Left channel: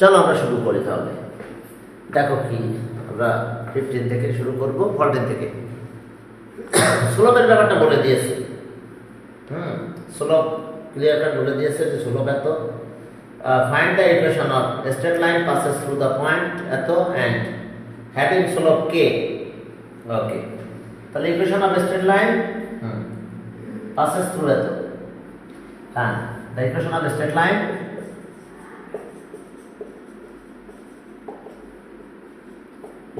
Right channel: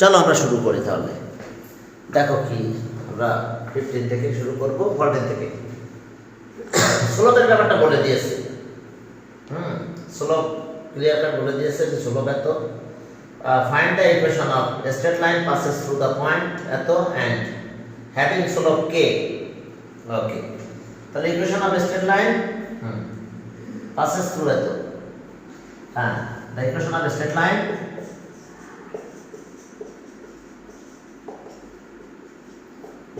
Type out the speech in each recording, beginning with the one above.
চলো আমরা শুরু করি তাহলে। দেখো কি আমরা 15 থেকে শুরু করব, 14 থেকে। স্লোপের ব্যাপারটা বলে দিয়েছে। স্লোপ ক্লিয়ার কাট বলে দিয়েছে যে স্লোপ এত। Find the equation of straight line passes through the point এত and having slope k। ওকে, তাহলে equation of straight line passes through এত। হ্যাঁ, the equation of straight line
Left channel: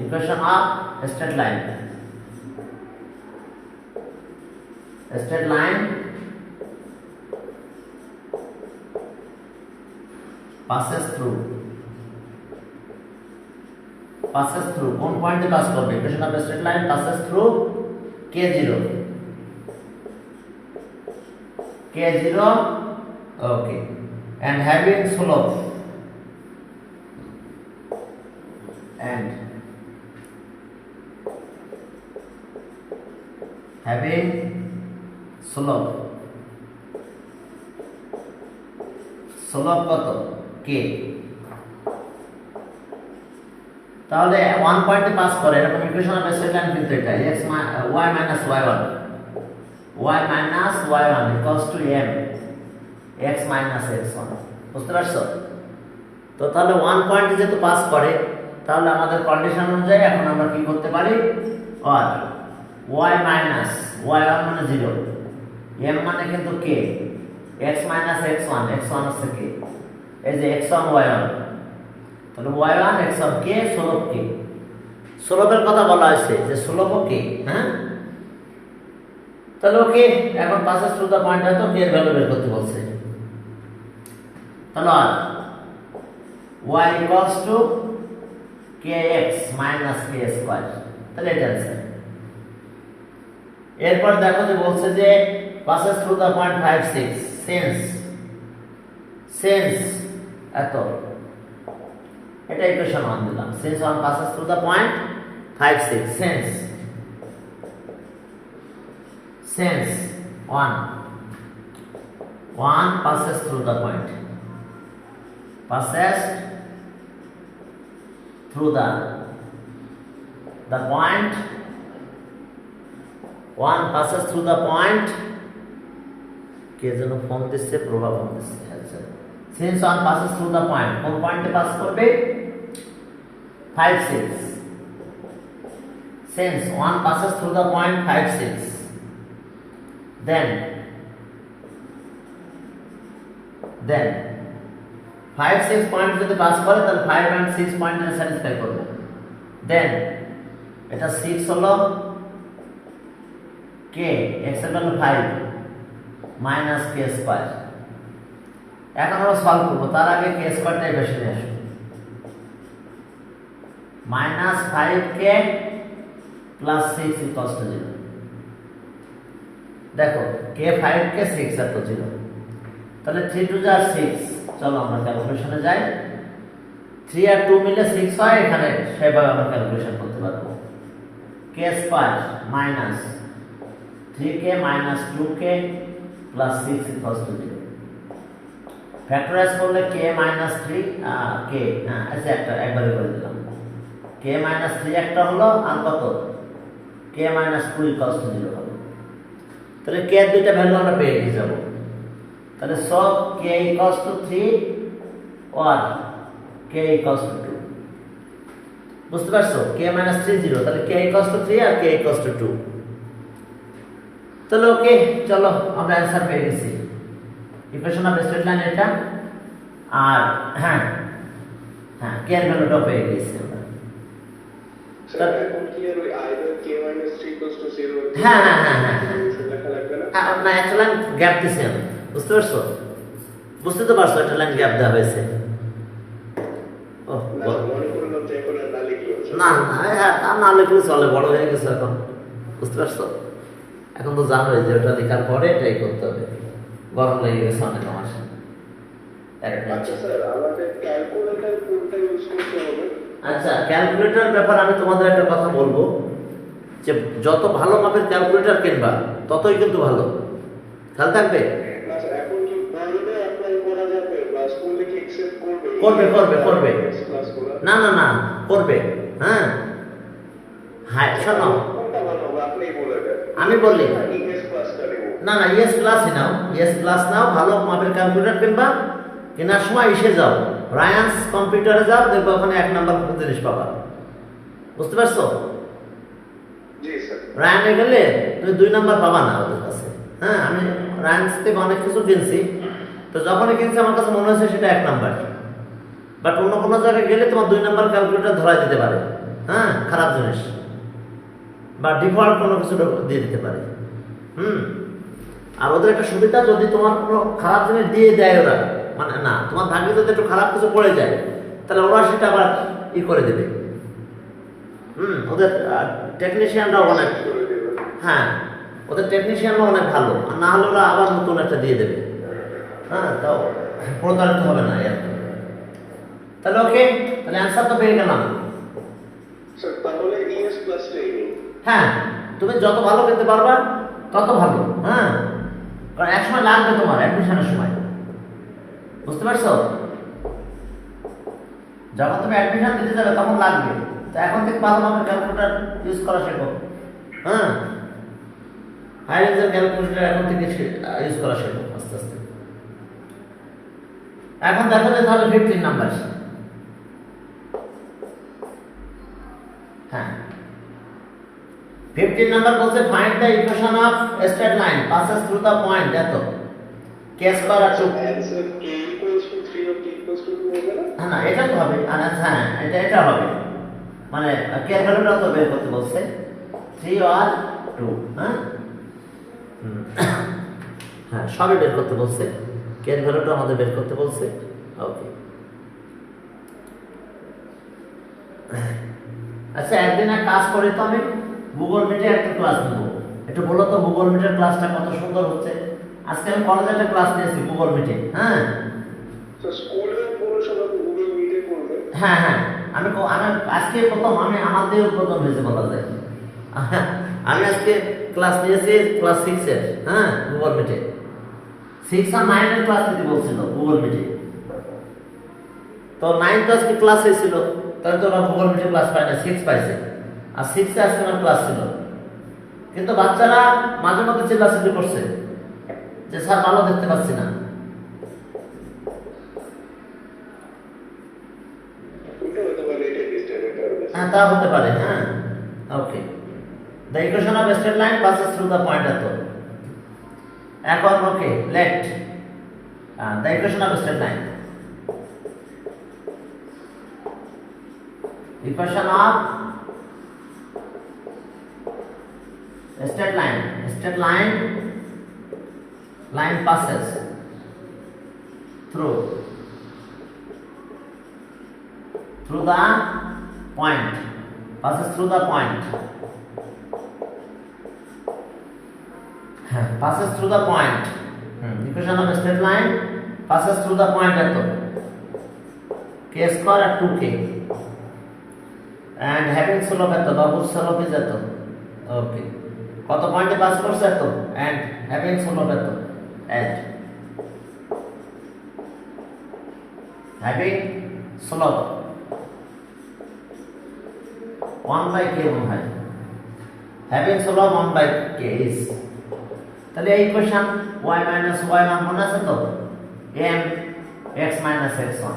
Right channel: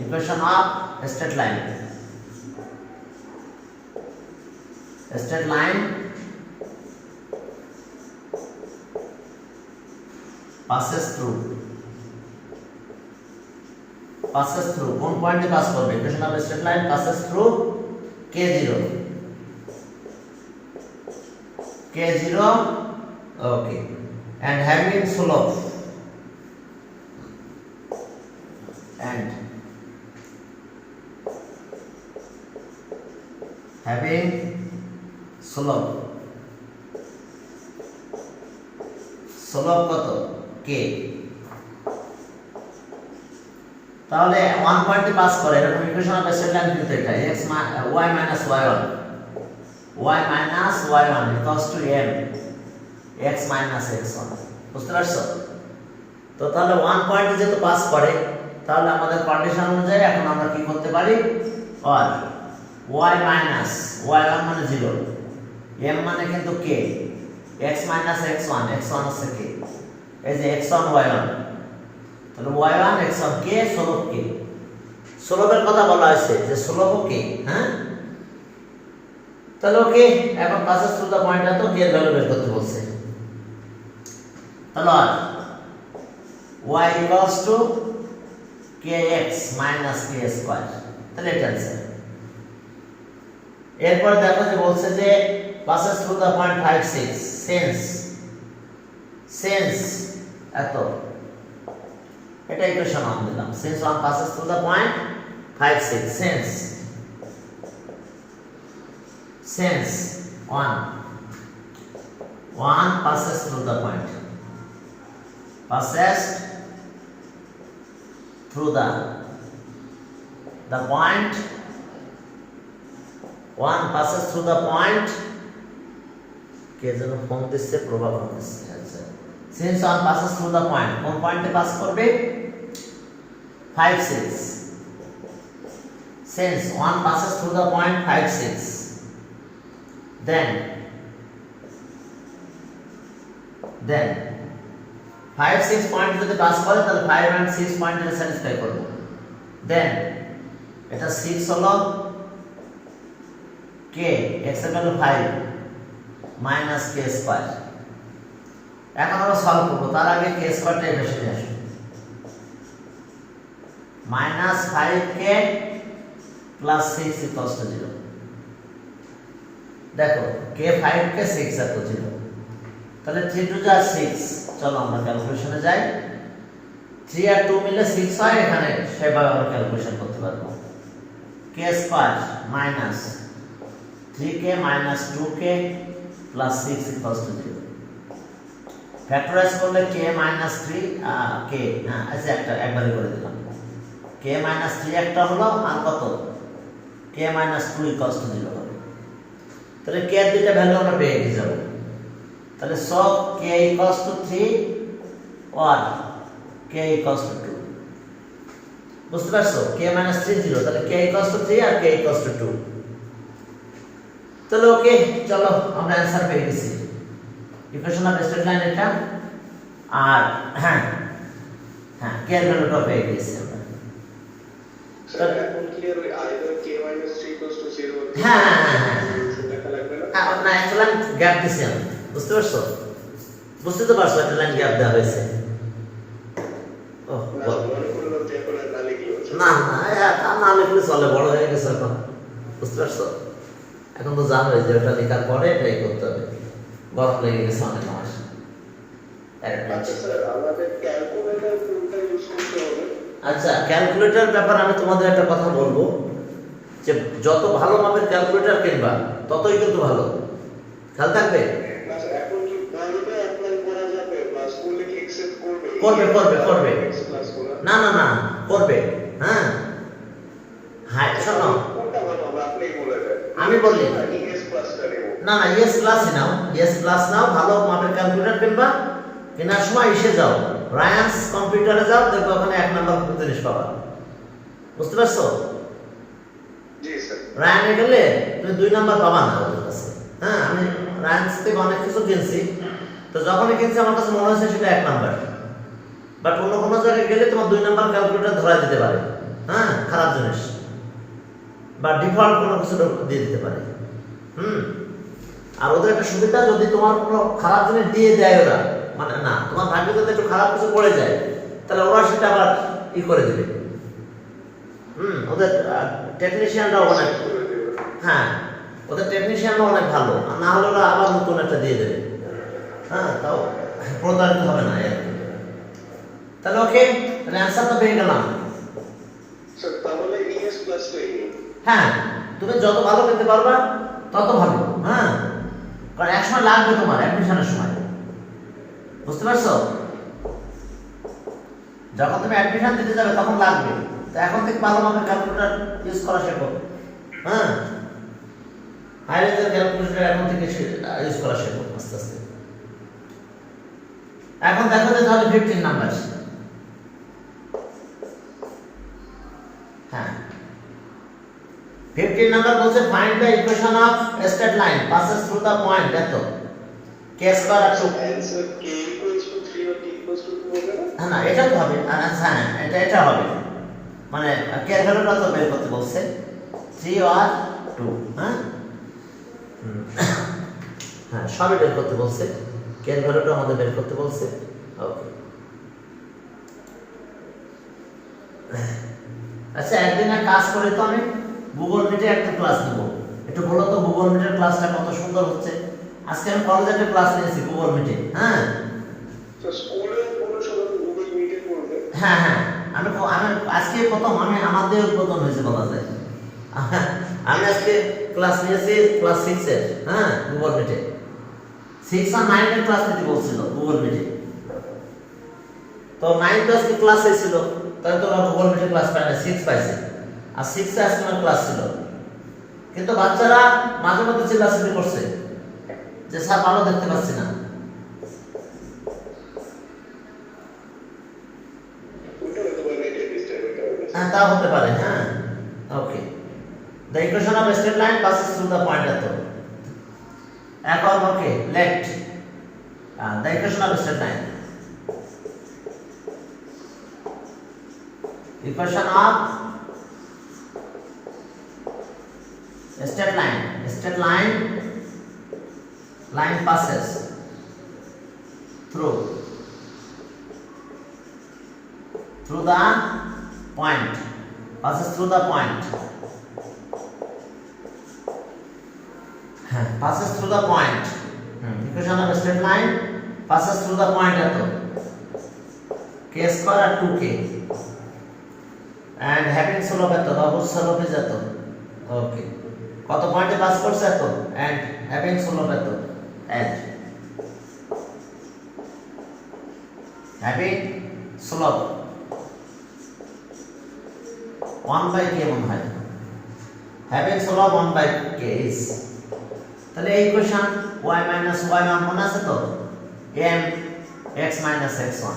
equation of straight line passes through কোন পয়েন্টে pass করবে? Equation of straight line passes through k0 okay, and having slope কত? k। তাহলে 1 পয়েন্টে pass করে এরকম ইকুয়েশন অফ স্ট্রেট লাইন কিন্তু এটা y minus y1 equals to m x minus x1। বুঝতে পারছো? তো তাহলে 1 পয়েন্টে যেহেতু পাস করে, তাহলে আমাদের কন্ডিশন অনুযায়ী এখন আমরা কি করতে পারি? আর y minus y1 মানে 0, m মানে কিন্তু k, x minus x1 হচ্ছে k, এই যে x1 y1, তাহলে y1 x1 k slope k। স্লোপের কথা বলা হয়েছে যে স্লোপ k। হ্যাঁ, তাহলে ওকে, এখন passes through the point এত k এর ভ্যালু বের করতে বলছে। তাহলে y equals to kx minus k square, তাহলে এটা आंसर। এরপর দেখো যে বলছে যে passes through the point 5 6 since এত, এটা ইকুয়েশন 1 দিলাম। since 1 passes through the point 5 6 since 1 passes through the point, passes through the point, 1 passes through the point, কে যেন ফোন দিচ্ছে, প্রভাব হচ্ছে। আচ্ছা, since 1 passes through the point, কোন পয়েন্টে পাস করবে? 5 6। since 1 passes through the point 5 6, then 5 6 point যদি pass করে তাহলে 5 and 6 পয়েন্টে স্যাটিসফাই করবে। দেন এটা 6 হলো k, x এর ভ্যালু 5 মাইনাস k স্কয়ার। এখন আমরা সলভ করব, তার আগে k স্কয়ারটাই বেশি নিয়ে আসব। Minus 5k plus 6 equals to 0। দেখো k 5k 6 এত 0, তাহলে 3 2 যা 6। চলো আমরা ক্যালকুলেশনে যাই। 3 আর 2 মিলে 6 হয়, এখানে সেভাবে আমরা ক্যালকুলেশন করতে পারবো। k square minus 3k minus 2k plus 6 equals to 0। Factorise করলে k মাইনাস 3 k, হ্যাঁ আচ্ছা একবারই করে দিলাম। k মাইনাস 3 একটা হলো, আর কত? k মাইনাস 2 ইকুয়ালস টু 0 হবে। তাহলে k এর দুইটা ভ্যালু আমরা পেয়ে যাব। তাহলে সব k equals to 3 or k equals to 2। বুঝতে পারছো? k minus 3 0, তাহলে k equals to 3 R k equals to 2। তাহলে ওকে, চলো আমরা आंसर পেয়ে গেছি। ইকুয়েশন অফ স্ট্রেট লাইন এটা, আর হ্যাঁ k এর ভ্যালুটা পেয়ে গেছি আমরা। স্যার এখন ক্লিয়ার ওই either k minus 3 equals to 0 হ্যাঁ দেখা লাগবে না? হ্যাঁ, না অ্যাকচুয়ালি গ্যাপ দিছি আমি। বুঝতে পারছো? বুঝতে তো পারছো একটা লাইন গ্যাপ দেওয়া হয়েছে। না না লিখলে চলে, বড় হয়ে গেছে এখন। বুঝতে পারছো? এখন তো জানোই যে ওটা লেখার পরে এটাই করতে হবে। গরম লেগে গেছে অনেক আমার। আচ্ছা, ক্যালকুলেটর ব্যাপার আমি তোমাদের একটা কথা বলবো, যে যত ভালো মাপের ক্যালকুলেটর কিনবা ততই কিন্তু ভালো। খেয়াল থাকবে। এখন কি ভালোভাবে অ্যাপ্লাই করা যাবে? ক্লাস করলে কি অ্যাকসেপ্ট করবে? করবে x প্লাস করা না করবে। হ্যাঁ হ্যাঁ শোনো, কোনটা ভালো হবে আপনিই বলে দেন। আমি বলি এস প্লাসটা নেব। না ইএস ক্লাসই নাও, ইএস ক্লাস নাও, ভালো মাপের ক্যালকুলেটর কিনবা, কেনার সময় এসে যাও রায়ান্স কম্পিউটারে যাও, দেখবে ওখানে 1 নাম্বার জিনিস পাবা। বুঝতে পারছো? জি স্যার। রায়ানে গেলে তুমি 2 নাম্বার পাবা না ওদের কাছে। হ্যাঁ আমি রায়ান্স থেকে অনেক কিছু কিনছি, তো যখনই কিনছি আমার কাছে মনে হয়েছে সেটা 1 নাম্বার, বাট অন্য কোনো জায়গায় গেলে তোমার 2 নাম্বার ক্যালকুলেটর ধরা দিতে পারে। হ্যাঁ খারাপ জিনিস, বা ডিফল্ট কোনো কিছু দিয়ে দিতে পারে। আর ওদের একটা সুবিধা, যদি তোমার কোনো খারাপ জিনিস দিয়ে দেয় ওরা, মানে না তোমার ভাগ্যে যদি একটু খারাপ কিছু পড়ে যায়, তাহলে ওরা সেটা আবার করে দেবে। ওদের টেকনিশিয়ানরা অনেক, হ্যাঁ ওদের টেকনিশিয়ানরা অনেক ভালো, না হলে ওরা আবার নতুন একটা দিয়ে দেবে। হ্যাঁ তাও প্রতারিত হবে না আর কি। তাহলে ওকে, তাহলে অ্যান্সার তো পেয়ে গেলাম। স্যার তাহলে এস প্লাসটাই নেব। হ্যাঁ তুমি যত ভালো পেতে পারবা তত ভালো। হ্যাঁ কারণ এক সময় লাগবে তোমার অ্যাডমিশনের সময়, বুঝতে পারছো? যখন তুমি অ্যাডমিশন দিতে যাবে তখন লাগবে, তো এখন থেকে ভালো মাপের ক্যালকুলেটর ইউজ করা শেখো। হ্যাঁ হাই রেঞ্জের ক্যালকুলেটর এখন থেকে ইউজ করা শেখো আস্তে আস্তে। এখন দেখো যে তাহলে 15 নাম্বার। হ্যাঁ 15 নাম্বার বলছে find the equation of straight line passes through the point এত k স্কয়ার আর 2। অ্যানসার k 3 or k 2 হবে না? না এটা তো হবে, হ্যাঁ এটা হবে, মানে k এর ভ্যালুটা তো বের করতে বলছে 3 আর 2। হ্যাঁ হ্যাঁ সবই বের করতে বলছে, k এর ভ্যালুটা আমাদের বের করতে বলছে। ওকে আচ্ছা একদিন এক কাজ করে, তো আমি গুগল মিটে একটা ক্লাস নেব। একটু বলো তো গুগল মিটের ক্লাসটা কত সুন্দর হচ্ছে। আজকে আমি কলেজে একটা ক্লাস নিয়েছি গুগল মিটে। হ্যাঁ তো স্কুলে পুরো সবাই গুগল মিটে করবে। হ্যাঁ আমি আজকে প্রথম, আমি আমাদের প্রথম হয়েছে বলা যায়। আমি আজকে ক্লাস নিয়েছি ক্লাস 6 এর। হ্যাঁ গুগল মিটে 6 আর 9 এর ক্লাস নিতে বলছিল গুগল মিটে, তো 9 তো আজকে ক্লাস হয়েছিল, তাহলে তো গুগল মিটে ক্লাস পায় না, 6 পাইছে। আর 6 এ আজকে আমার ক্লাস ছিল, কিন্তু বাচ্চারা মাঝে মধ্যে চিল্লাচিল্লি করছে যে স্যার ভালো দেখতে পাচ্ছি না। ওটা হয়তো বা নেটে ডিস্টার্ব হবে। হ্যাঁ তা হতে পারে। হ্যাঁ okay, the equation of straight line passes through the point এত। এখন okay let the equation of straight line, equation of straight line passes through the point, passes through the point, passes through the point, equation of a straight line passes through the point এত k square আর 2k and having slope এত, double slope is এত। ওকে কত পয়েন্টে pass করছে এত, and having slope এত, and having slope 1/k মনে হয়, having slope 1/k is, তাহলে এই ইকুয়েশন y minus y1 মনে আছে তো, m x minus x1।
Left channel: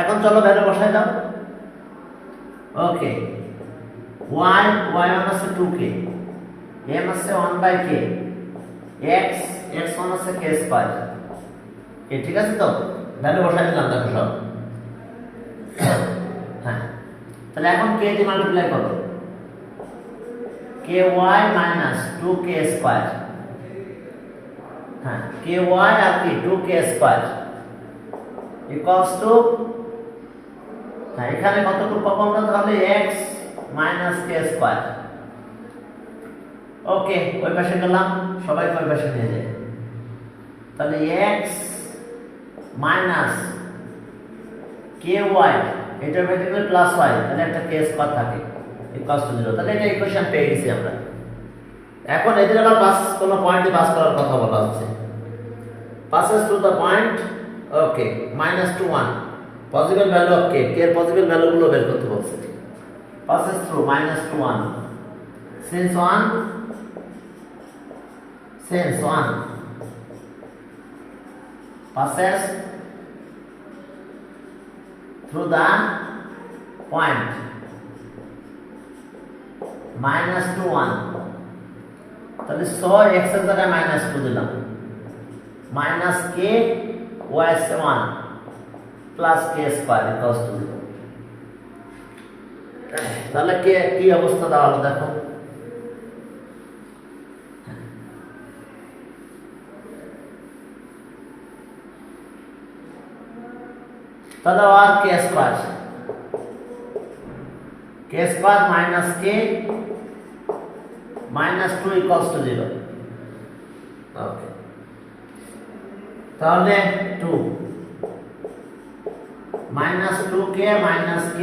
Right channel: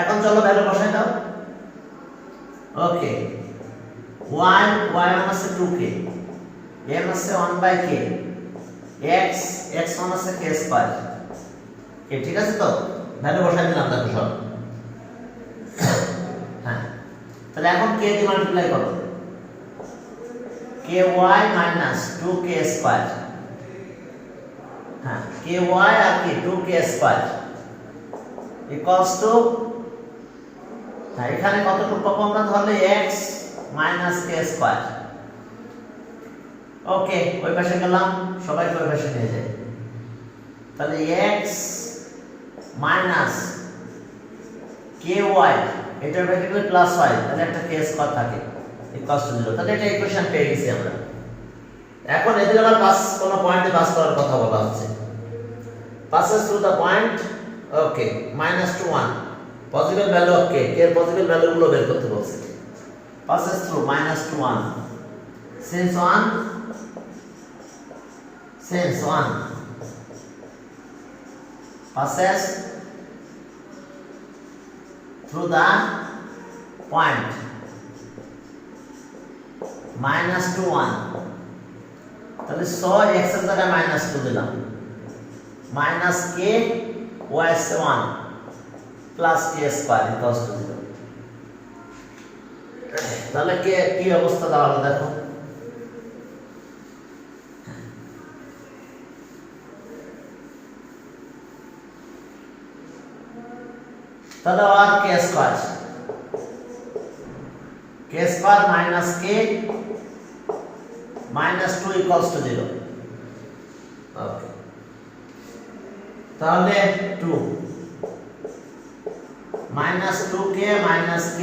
এখন চলো ভ্যালু বসাই দাও। ওকে y1 আছে 2k, m আছে 1/k, x1 আছে k স্কয়ার। ঠিক আছে তো, ভ্যালু বসাই দিলাম দেখো সব। হ্যাঁ তাহলে এখন k দিয়ে মাল্টিপ্লাই করো, ky minus 2k স্কয়ার। হ্যাঁ ky আর কি 2k স্কয়ার ইকুয়ালস টু, হ্যাঁ এখানে কতটুকু পাবো আমরা, তাহলে x minus k স্কয়ার। ওকে ওই পাশে গেলাম, সবাই ওই পাশে নিয়ে যায়, তাহলে x minus ky, এটার ভ্যালু প্লাস y, তাহলে একটা k স্কয়ার থাকে ইকুয়ালস টু 0। তাহলে এটা ইকুয়েশন পেয়ে গেছি আমরা। এখন এদের আবার পাস কোন পয়েন্টে পাস করার কথা বলা হচ্ছে, passes through the point okay minus two one possible value of K এর পসিবল ভ্যালুগুলো বের করতে বলছে passes through minus to 1 since 1 passes through the point minus to 1 তাহলে 100 x এর জায়গায় minus 2 দিলাম minus k y is 1 plus k square equals to 0 তাহলে কে কি অবস্থা দাঁড়ালো দেখো তাহলে আর K square minus K minus 2 equals to 0 okay তাহলে 2 minus 2k minus k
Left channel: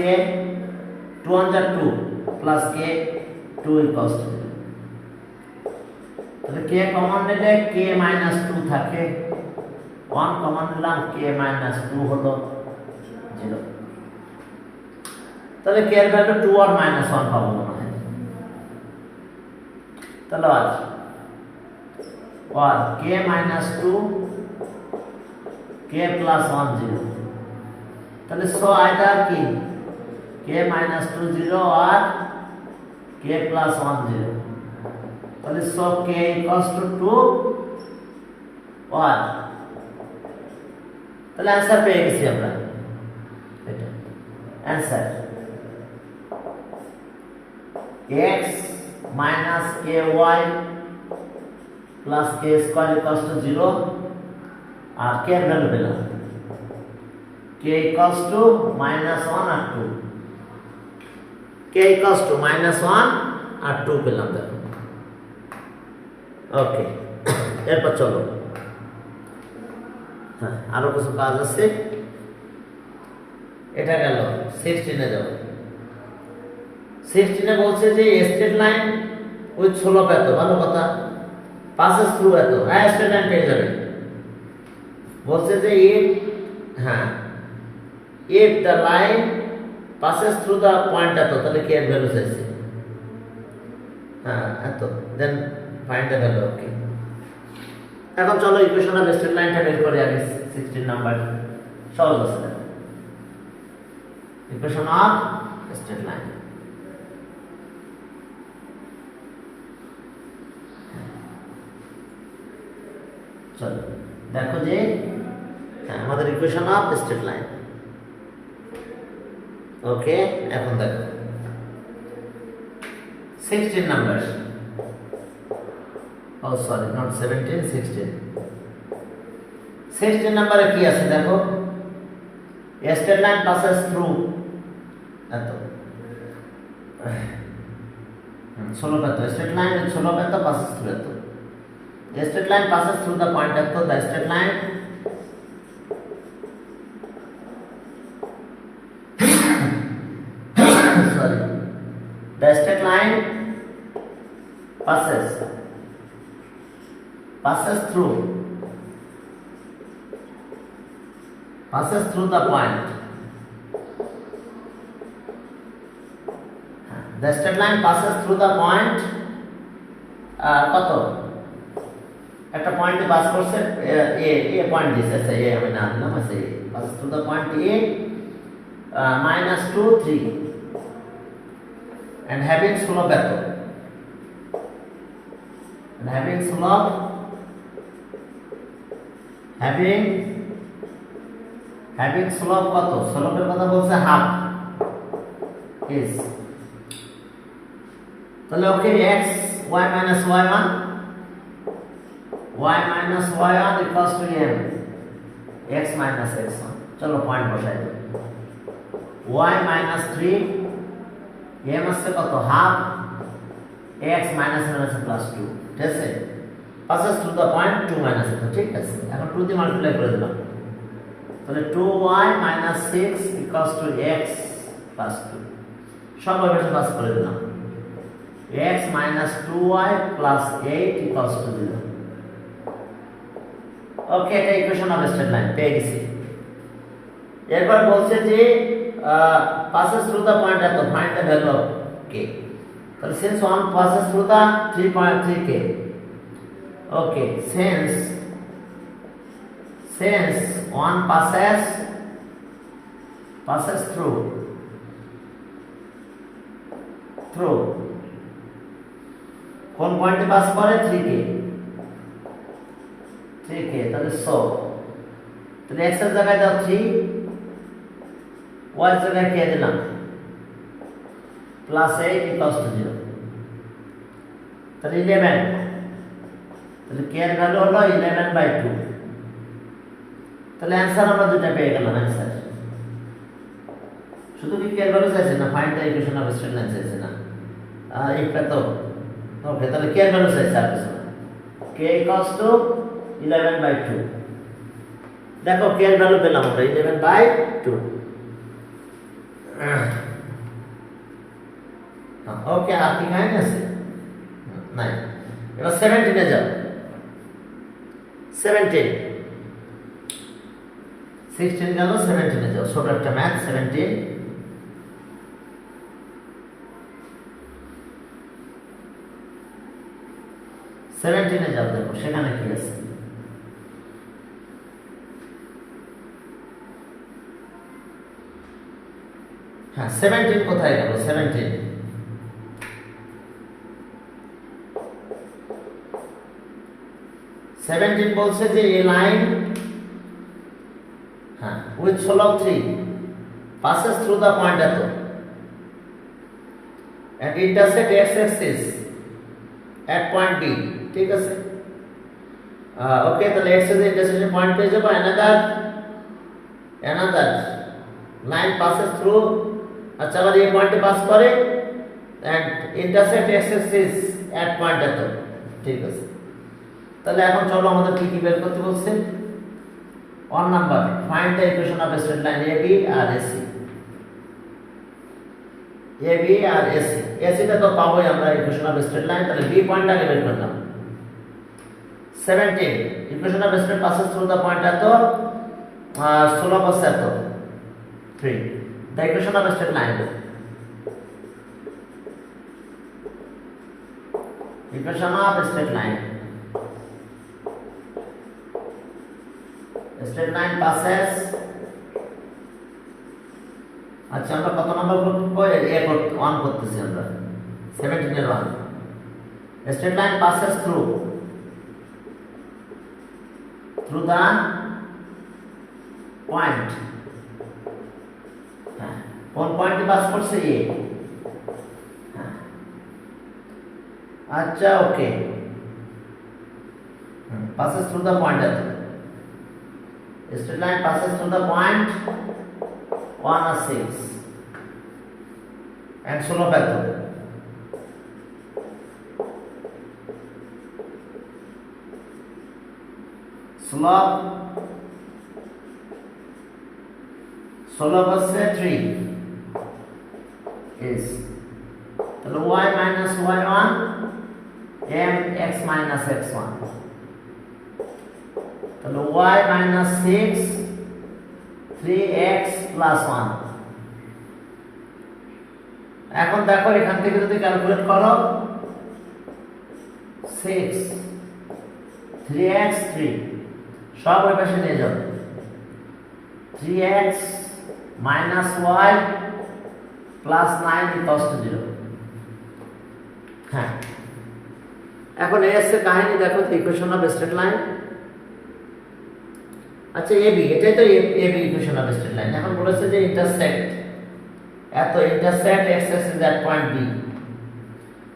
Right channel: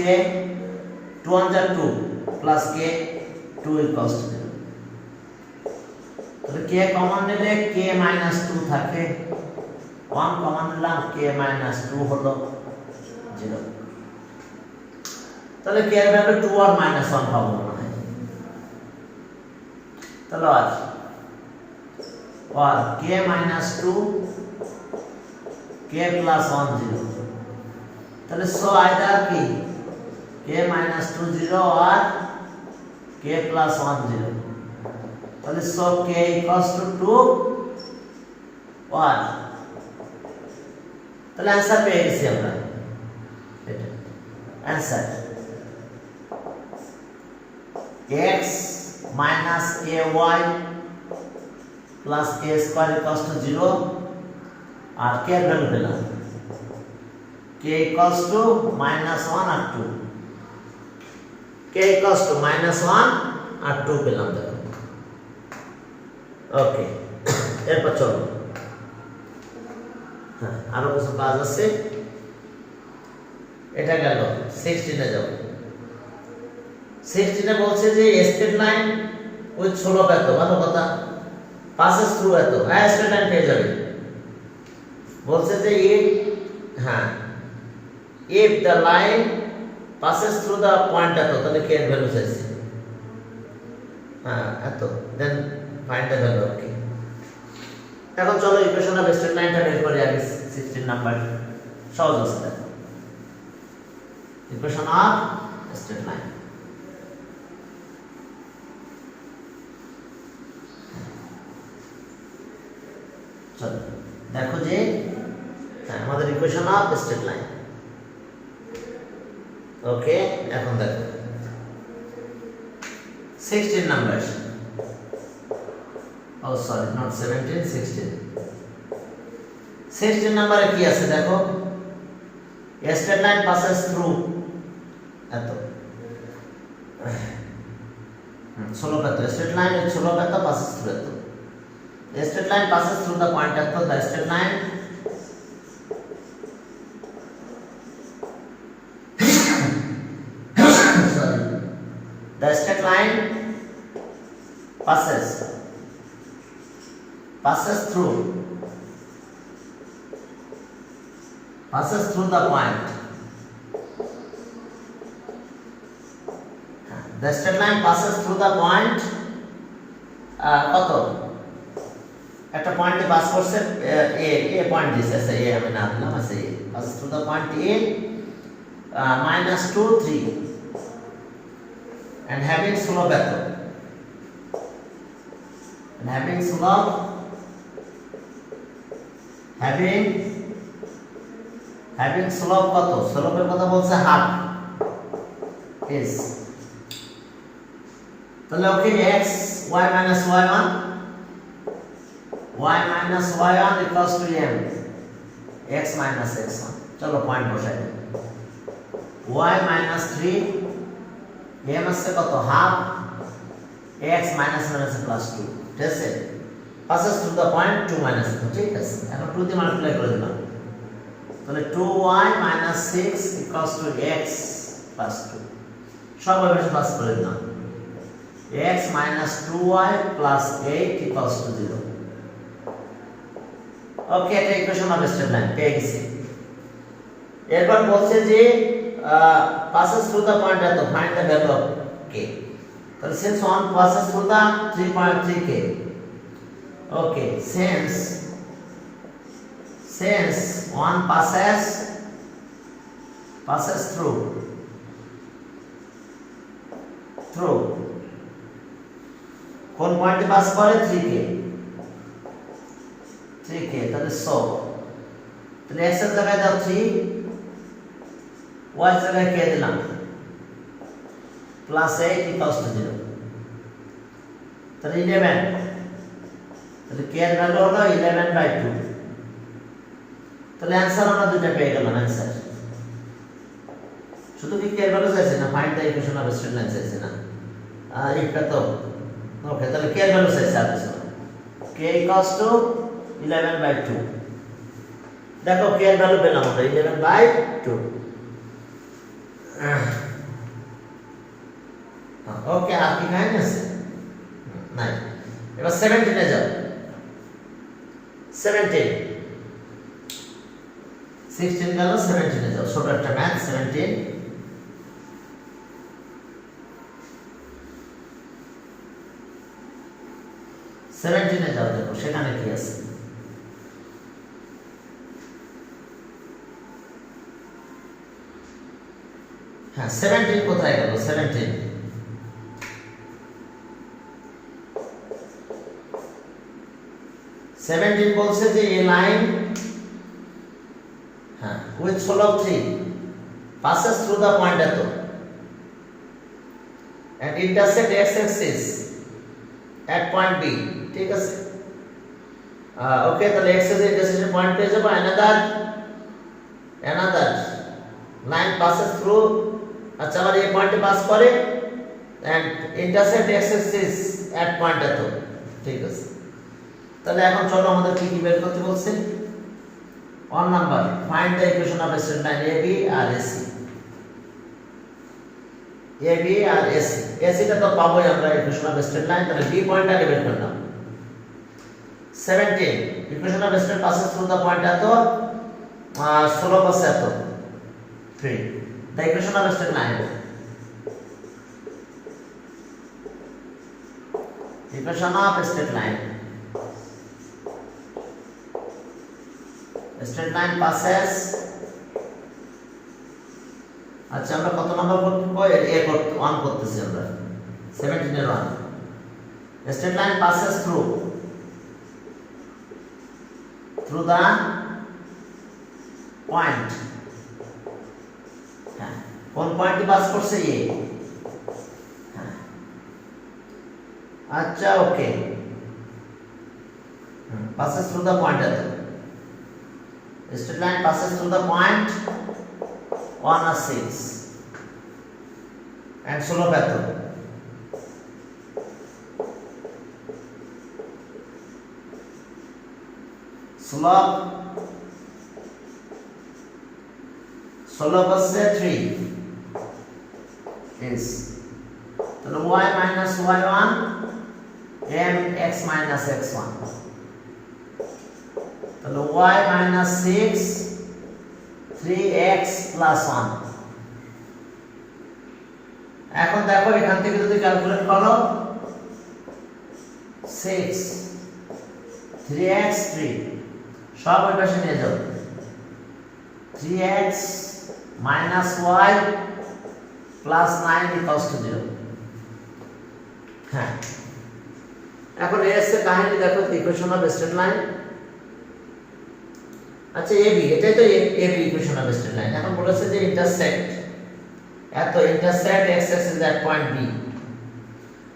2 2 plus k 2 equals to 0 তাহলে k কমন নিলে k minus 2 থাকে 1 কমন নিলাম k minus 2 হলো 0 তাহলে k এর ভ্যালু 2 আর minus 1 পাবো না তাহলে আর k minus 2 k plus 1 0 তাহলে সো আইদার কি k minus 2 0 or k plus 1 0 তাহলে so k equals to 2 or তাহলে आंसर পেয়ে গেছি আমরা এটা answer x minus ky plus k square equals to 0 আর k এর ভ্যালু পেলাম k equals to minus 1 or 2 k equals to minus 1 আর 2 পেলাম দেখো ওকে এরপর চলো হ্যাঁ আরো কিছু কাজ আছে এটা গেল 16 এ যাও 16 এ বলছে যে স্ট্রেট লাইন উইথ স্লোপ এত ভালো কথা passes through এত হ্যাঁ স্ট্রেট লাইন পেয়ে যাবে বলছে যে হ্যাঁ if the line passes through the point এত তাহলে k এর ভ্যালু চাইছে হ্যাঁ এত then find the value okay এখন চলো ইকুয়েশন অফ স্ট্রেট লাইনটা বের করি আগে 16 নাম্বার সহজ আছে ইকুয়েশন অফ স্ট্রেট লাইন চলো দেখো যে আমাদের ইকুয়েশন অফ স্ট্রেট লাইন ওকে এখন দেখো 16 নাম্বার oh sorry not 17 16 নাম্বারে কি আছে দেখো a straight line passes through এত স্লোপ এত straight line with slope এত passes through এত a straight line passes through the point এত the straight line the straight line passes through the point the straight line passes through the point কত একটা পয়েন্টে pass করছে a point দিছে সে a আমি না দিলাম আছে passes through the point a -2 3 and having slope এত and having slope কত স্লোপের কথা বলছে হাফ is তাহলে ওকে x y minus y1 equals to m x minus x1 চলো পয়েন্ট বসাই দিই y minus 3 m আছে কত হাফ x minus plus 2 ঠিক আছে passes through the point 2 minus 2 ঠিক আছে এখন 2 দিয়ে মাল্টিপ্লাই করে দিলাম তাহলে 2y minus 6 equals to x plus 2 সব ভাবে পাস করে দিলাম x minus 2y plus 8 equals to 0 ওকে এটা ইকুয়েশন অফ স্ট্রেট লাইন পেয়ে গেছি এরপর বলছে যে passes through the point এত, find the value of k. তাহলে since 1 passes through the 3.3k, okay, since 1 passes through কোন পয়েন্টে পাস করে 3k, তাহলে সো তাহলে x এর জায়গায় দাও 3, y এর জায়গায় k দিলাম প্লাস 8 ইকুয়ালস টু 0, তাহলে 11, তাহলে k এর ভ্যালু হলো 11/2, তাহলে অ্যানসার আমরা দুটো পেয়ে গেলাম। অ্যানসার শুধু কি k এর ভ্যালু চাইছে না, find the equation of straight line চাইছে না, এটা তো ওকে, তাহলে k এর ভ্যালু চাইছে আর কিছু না, k ইকুয়ালস টু 11/2, দেখো k এর ভ্যালু পেলাম আমরা 11/2। ওকে, আর কি কাহিনী আছে? নাই। এবার 17 এ যাও। 17 16 গেল, 17 এ যাও। ছোট একটা ম্যাথ। 17 এ যাও, দেখো সেখানে কি আছে। হ্যাঁ, 17 কোথায় গেল? 17 বলছে যে a line, হ্যাঁ, with slope 3 passes through the point এত and intersect x axis at point B, ঠিক আছে। ওকে, তাহলে x axis intersection point পেয়ে যাবো। another line passes through, আচ্ছা, আবার এই পয়েন্টে পাস করে and intersect x axis at point এত, ঠিক আছে। তাহলে এখন চলো আমাদের কি কি বের করতে বলছে। 1 number, find the equation of straight line AB আর AC। AB আর AC, AC টা তো পাবোই আমরা ইকুয়েশন অফ স্ট্রেট লাইন, তাহলে B পয়েন্ট আগে বের করলাম। 17 equation of straight passes through the point এত, 16 পাশে এত, 3 the equation of a straight line, equation of a straight line, a straight line passes, আচ্ছা আমরা কত নম্বর করব? এ 1 করতেছি আমরা, 17 এর 1, a straight line passes through the point, কোন পয়েন্টে পাস করছে এ, আচ্ছা ওকে, passes through the point at, straight line passes through the point 1 or 6 and slope at, slope হচ্ছে 3 is, তাহলে y minus y1 m x minus x1, তাহলে y minus 6 3x plus 1। এখন দেখো এখান থেকে যদি ক্যালকুলেট করো 6 3x 3 সব ওই পাশে নিয়ে যাও, 3x minus y plus 9 equals to 0। হ্যাঁ, এখন এস এর কাহিনী দেখো, ইকুয়েশন অফ স্ট্রেট লাইন। আচ্ছা এবি, এটাই তো AB equation of straight line. এখন বলেছে যে ইন্টারসেক্ট এত, intersect X axis at point B,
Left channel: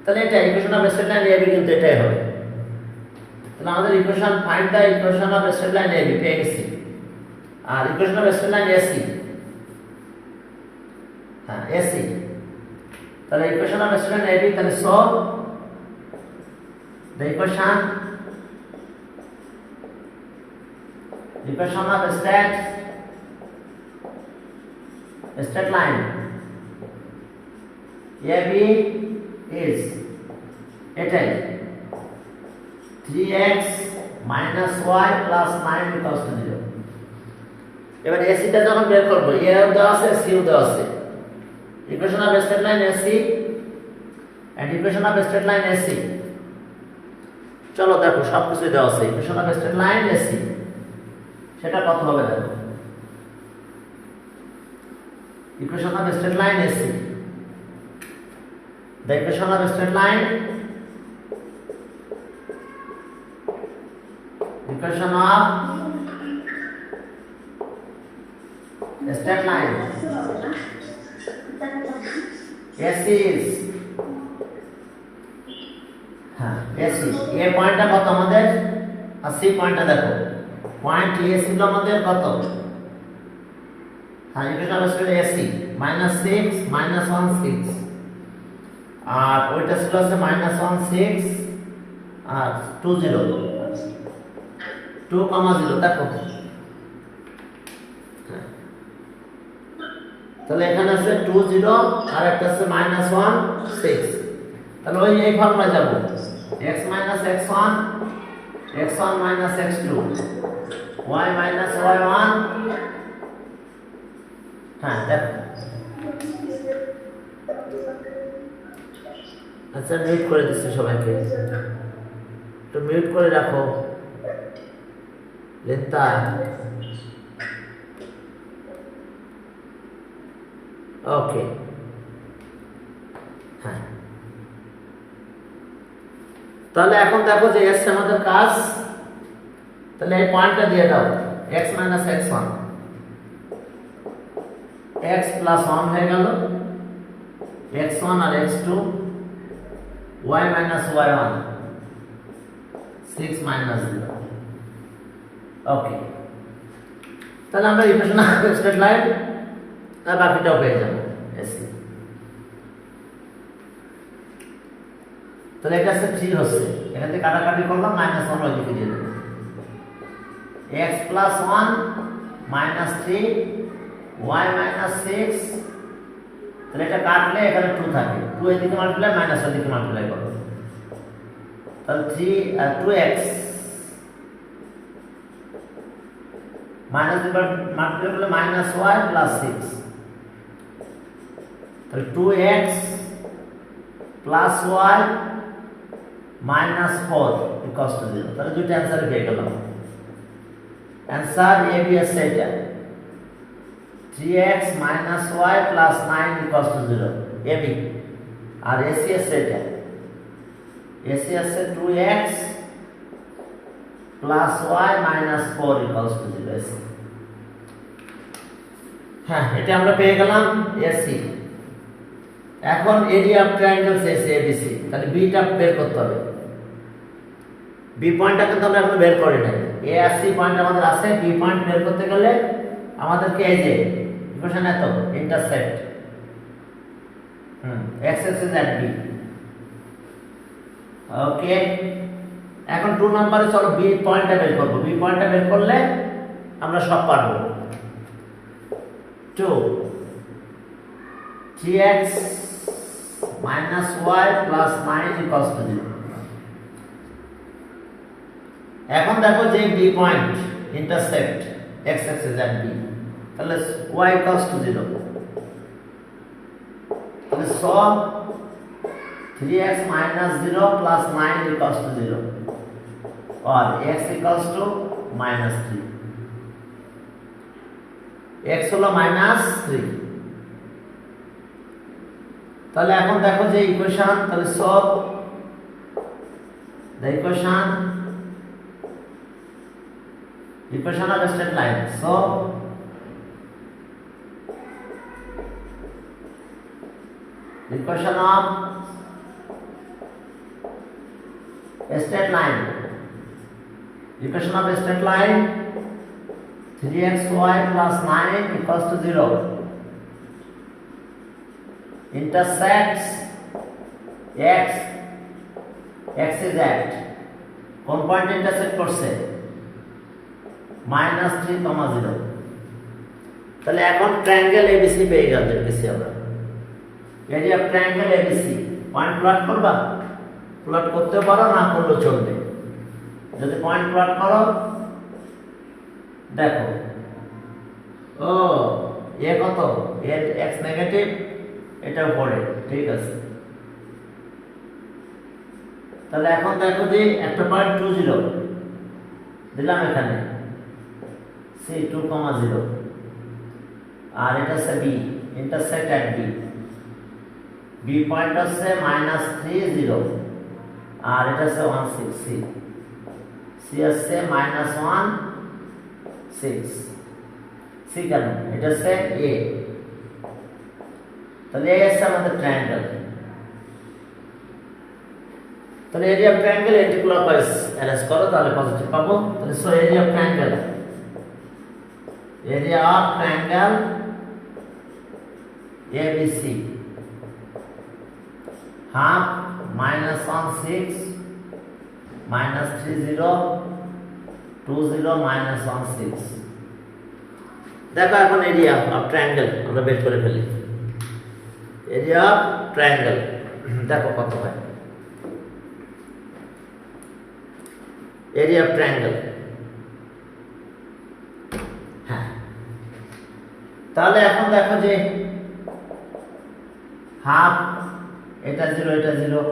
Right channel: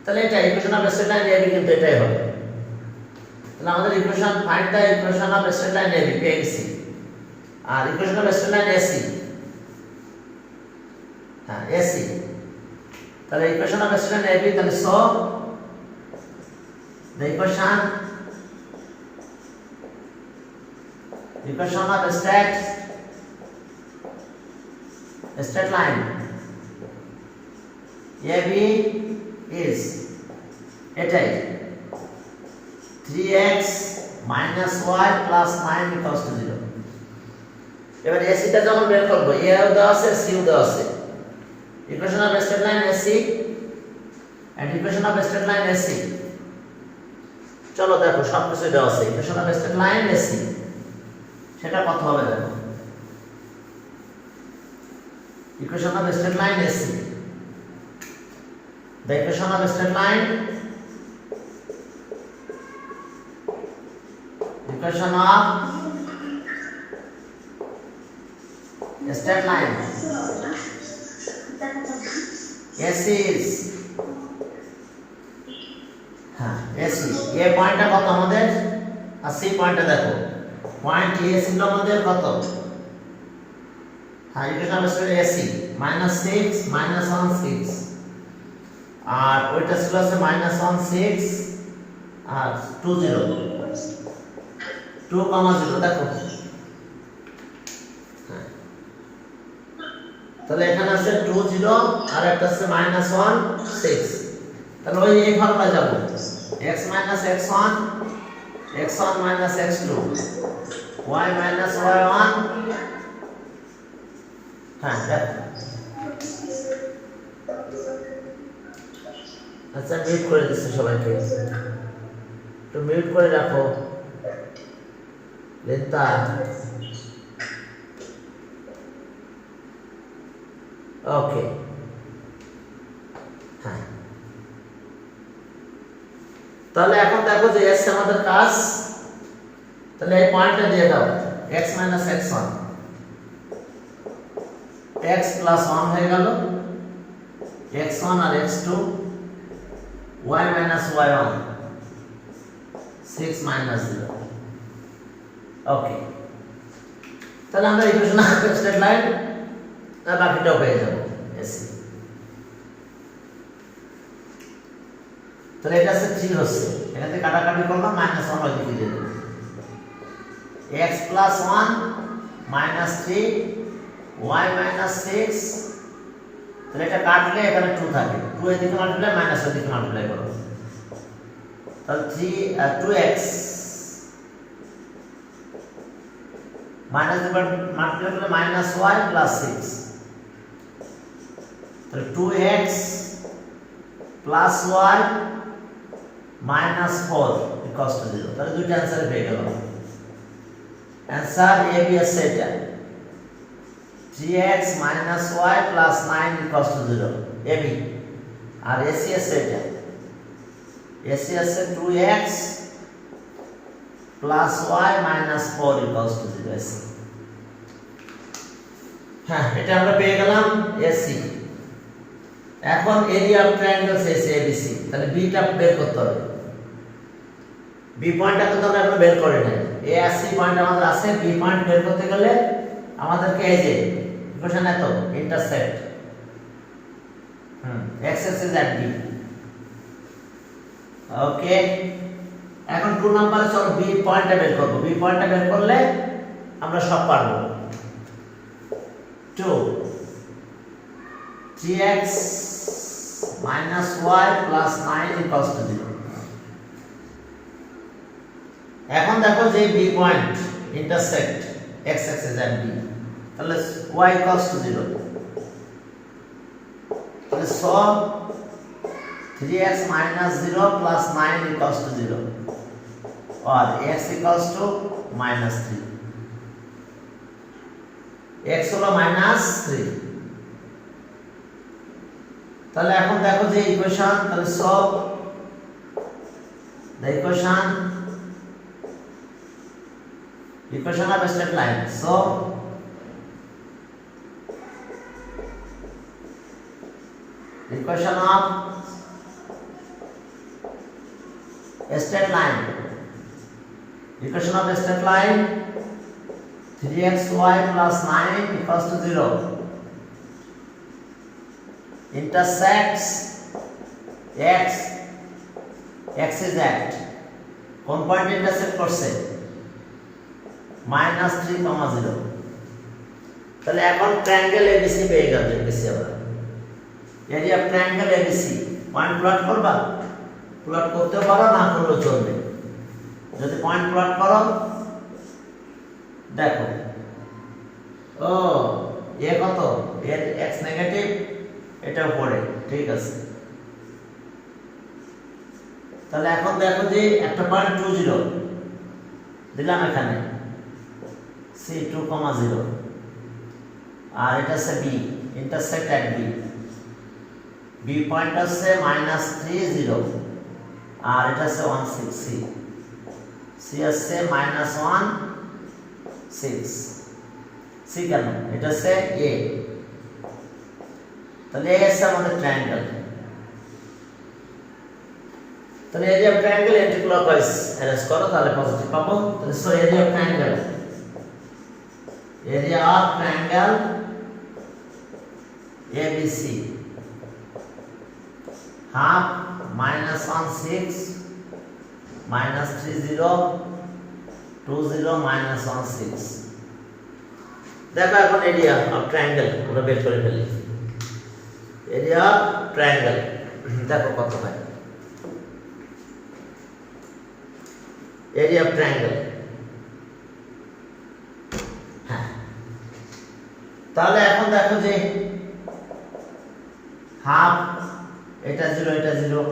তাহলে এটা equation of straight line AB কিন্তু এটাই হবে। তাহলে আমাদের equation, find the equation of straight line AB পেয়ে গেছি, আর equation of straight line AC, হ্যাঁ এসি, তাহলে equation of straight line AB, তাহলে so the equation of a straight line AB is এটাই 3x minus y plus 9 equals to 0। এবার এসিটা যখন বের করব এ দেওয়া আছে সি দেওয়া আছে equation of straight line AC and equation of straight line AC চলো দেখো সব কিছু দেওয়া আছে equation of straight line AC সেটা কত হবে দেখো equation of a straight line AC. The equation of a straight line equation of a straight line AC is AC A পয়েন্টটা কত আমাদের আর C পয়েন্টটা দেখো পয়েন্ট A ছিল আমাদের কত equation of AC -6 -1 6 আর ওইটা ছিল আছে -1 6 আর 2 0 2, 0 দেখো তাহলে এখানে আছে 2 0 আর একটা আছে -1 6 তাহলে ওই এই ফর্মুলা যাব x - x1 x1 - x2 y - y1 হ্যাঁ দেখো আচ্ছা মিউট করে দিচ্ছি সবাইকে একটু মিউট করে রাখো লেন্তা ওকে হ্যাঁ তাহলে এখন দেখো যে এস আমাদের কাজ তাহলে এই পয়েন্টটা দিয়ে দাও x - x1 x + 1 হয়ে গেল x1 আর x2 y - y1 6 - 0 ওকে তাহলে আমরা ইকুয়েশন অফ স্ট্রেট লাইন আর বাকিটাও পেয়ে যাব এসি তাহলে এটা আছে 3 হচ্ছে এখানে কাটাকাটি করলাম -1 ওই দিকে দিয়ে দেব x + 1 -3 y - 6 তাহলে এটা কাটলে এখানে 2 থাকে 2 এদিকে মাল্টিপ্লাই মাইনাস এদিকে মাল্টিপ্লাই করব তাহলে 2x মাইনাস দিয়ে মাল্টিপ্লাই করলে -y + 6 তাহলে 2x + y -4 = 0 তাহলে দুইটা অ্যানসার পেয়ে গেলাম অ্যানসার এ বি এস এটা 3x - y + 9 = 0 এবি আর এসি আছে এটা এসি আছে 2x + y - 4 = 0 এসি হ্যাঁ এটা আমরা পেয়ে গেলাম এসি এখন area of triangles AC ABC তাহলে বিটা বের করতে হবে বি পয়েন্টটা কিন্তু আমরা এখন বের করি না এ আর সি পয়েন্ট আমাদের আছে বি পয়েন্ট বের করতে গেলে আমাদেরকে এই যে ইকুয়েশন এত intersect x axis at b ওকে এখন 2 নম্বরে চলো বি পয়েন্টটা বের করব বি পয়েন্টটা বের করলে আমরা সব পারবো 2 3x - y + 9 = 0 এখন দেখো যে B point intersect x axis at b তাহলে y = 0 তাহলে সব 3x - 0 + 9 = 0 और x = -3 x হলো -3 তাহলে এখন দেখো যে ইকুয়েশন তাহলে সব the equation of a straight line so equation of a straight line equation of a straight line 3xy + 9 = 0 intersects x is at কোন পয়েন্ট ইন্টারসেক্ট করছে -3, 0 তাহলে এখন ট্রায়াঙ্গেল এবিসি পেয়ে গেছে আমরা area of triangle ABC point plot করবা plot করতে পারো না করলেও চলবে যদি পয়েন্ট প্লট করো দেখো ও এ কত এর x নেগেটিভ এটা পড়ে ঠিক আছে তাহলে এখন দেখো যে একটা পয়েন্ট 20 দিলাম এখানে c 2,0 আর এটা হচ্ছে b ইন্টারসেক্ট এট b b পয়েন্ট হচ্ছে -30 আর এটা হচ্ছে 16 c c হচ্ছে -16 c কেন এটা হচ্ছে a তাহলে এই হচ্ছে আমাদের ট্রায়াঙ্গেল তাহলে এরিয়া অফ ট্রায়াঙ্গেল অ্যান্টিক্লকওয়াইজ অ্যারেঞ্জ করো তাহলে পজিটিভ পাবো তাহলে so area of triangle ABC half -16 -30 20 -16 দেখো এখন এরিয়া অফ ট্রায়াঙ্গেল আমরা বের করে ফেলি এরিয়া অফ ট্রায়াঙ্গেল দেখো কত হয় এরিয়া অফ ট্রায়াঙ্গেল হ্যাঁ তাহলে এখন দেখো যে হাফ এটা 0 এটা 0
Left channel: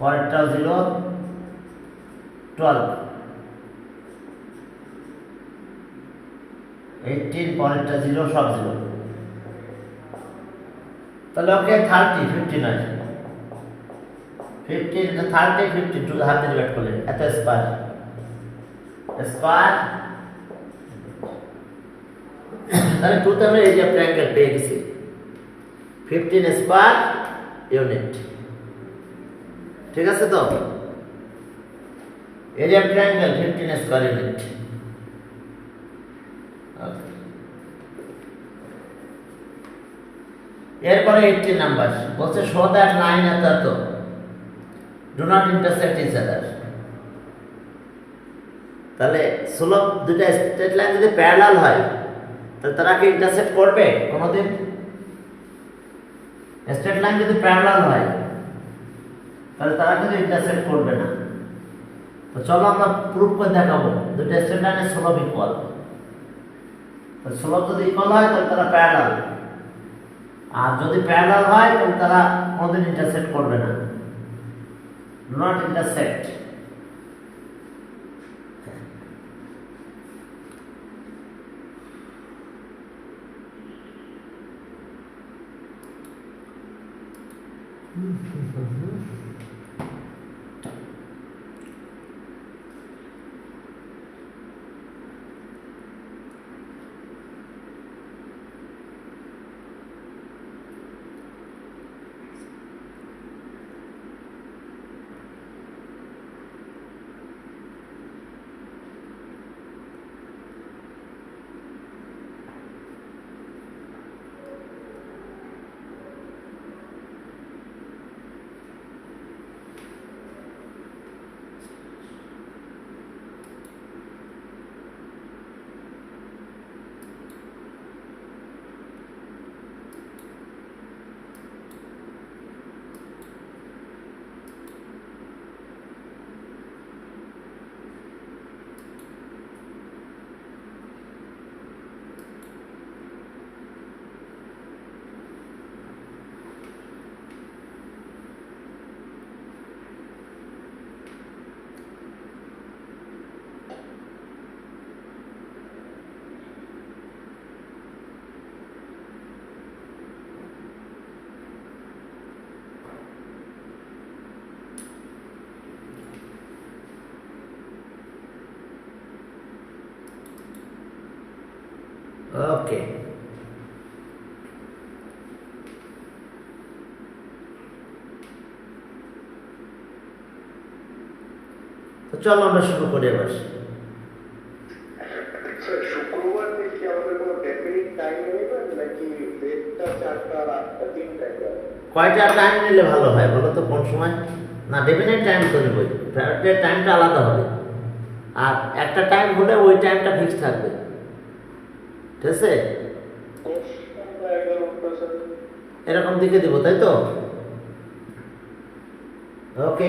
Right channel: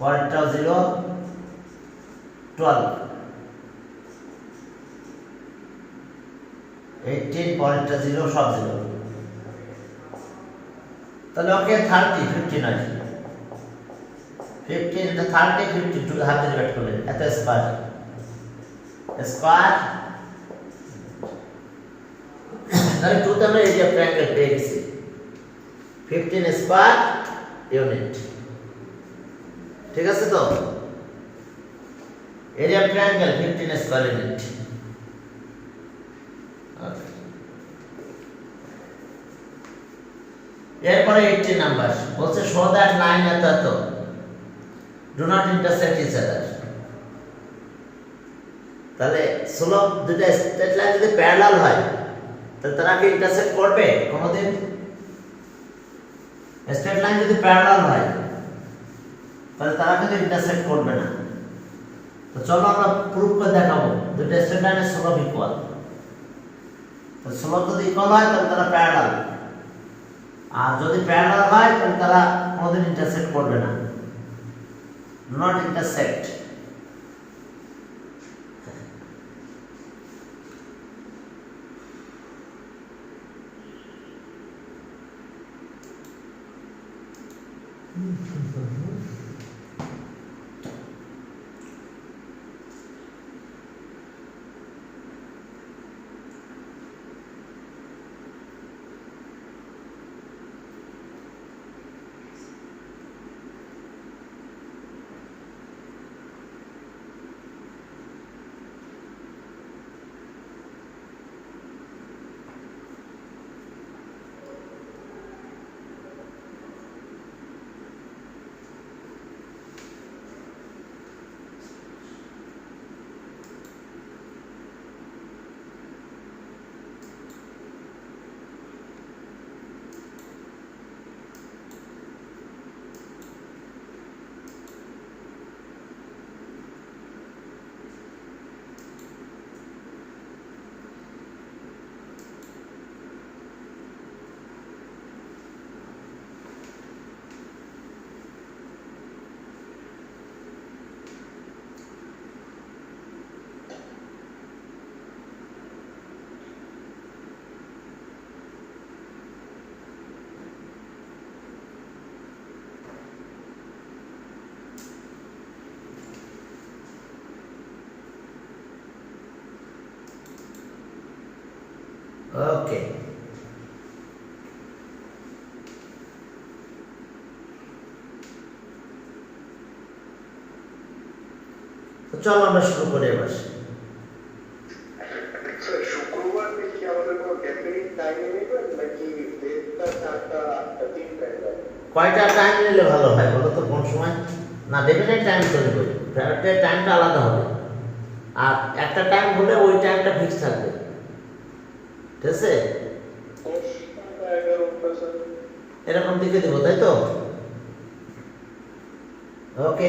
পরেরটা 0 12 18 পরেরটা 0 সব 0 তাহলে ওকে 30 15 আছে 15 এটা 30 52 হাতে ডিভাইড করলে এত স্কয়ার তাহলে 2 তে আমরা এরিয়া অফ ট্রায়াঙ্গেল পেয়ে গেছি 15 স্কয়ার ইউনিট ঠিক আছে তো area of triangle 15 square unit এরপরে 18 নাম্বার বলছে শো দ্যাট লাইন এত এত do not intersect each other তাহলে স্লোপ দুটো স্ট্রেট লাইন যদি প্যারালাল হয় তাহলে তারা কি ইন্টারসেক্ট করবে কোনোদিন স্ট্রেট লাইন যদি প্যারালাল হয় তাহলে তারা কিন্তু ইন্টারসেক্ট করবে না তো চলো আমরা প্রুফ করে দেখাবো দুটো স্ট্রেট লাইনের স্লোপ ইকুয়াল তো স্লোপ যদি ইকুয়াল হয় তাহলে তারা প্যারালাল আর যদি প্যারালাল হয় তাহলে তারা কোনোদিন ইন্টারসেক্ট করবে না do not intersect okay তো চলো আমরা শুরু করি এবার স্যার শুক্রবার থেকে আমাদের কোনো ডেফিনিট টাইম নেবেন নাকি 1:30 4টা 8টা 3টা কয়টা টাইম নিলে ভালো হয় বলো তো কোন সময় না ডেফিনেট টাইম তো নেবই প্রাইভেটের টাইমটা আলাদা হবে আর একটা টাইম হলে ওই টাইমটা ফিক্স থাকবে ঠিক আছে এরকম দিকে দিব তাই তো ওকে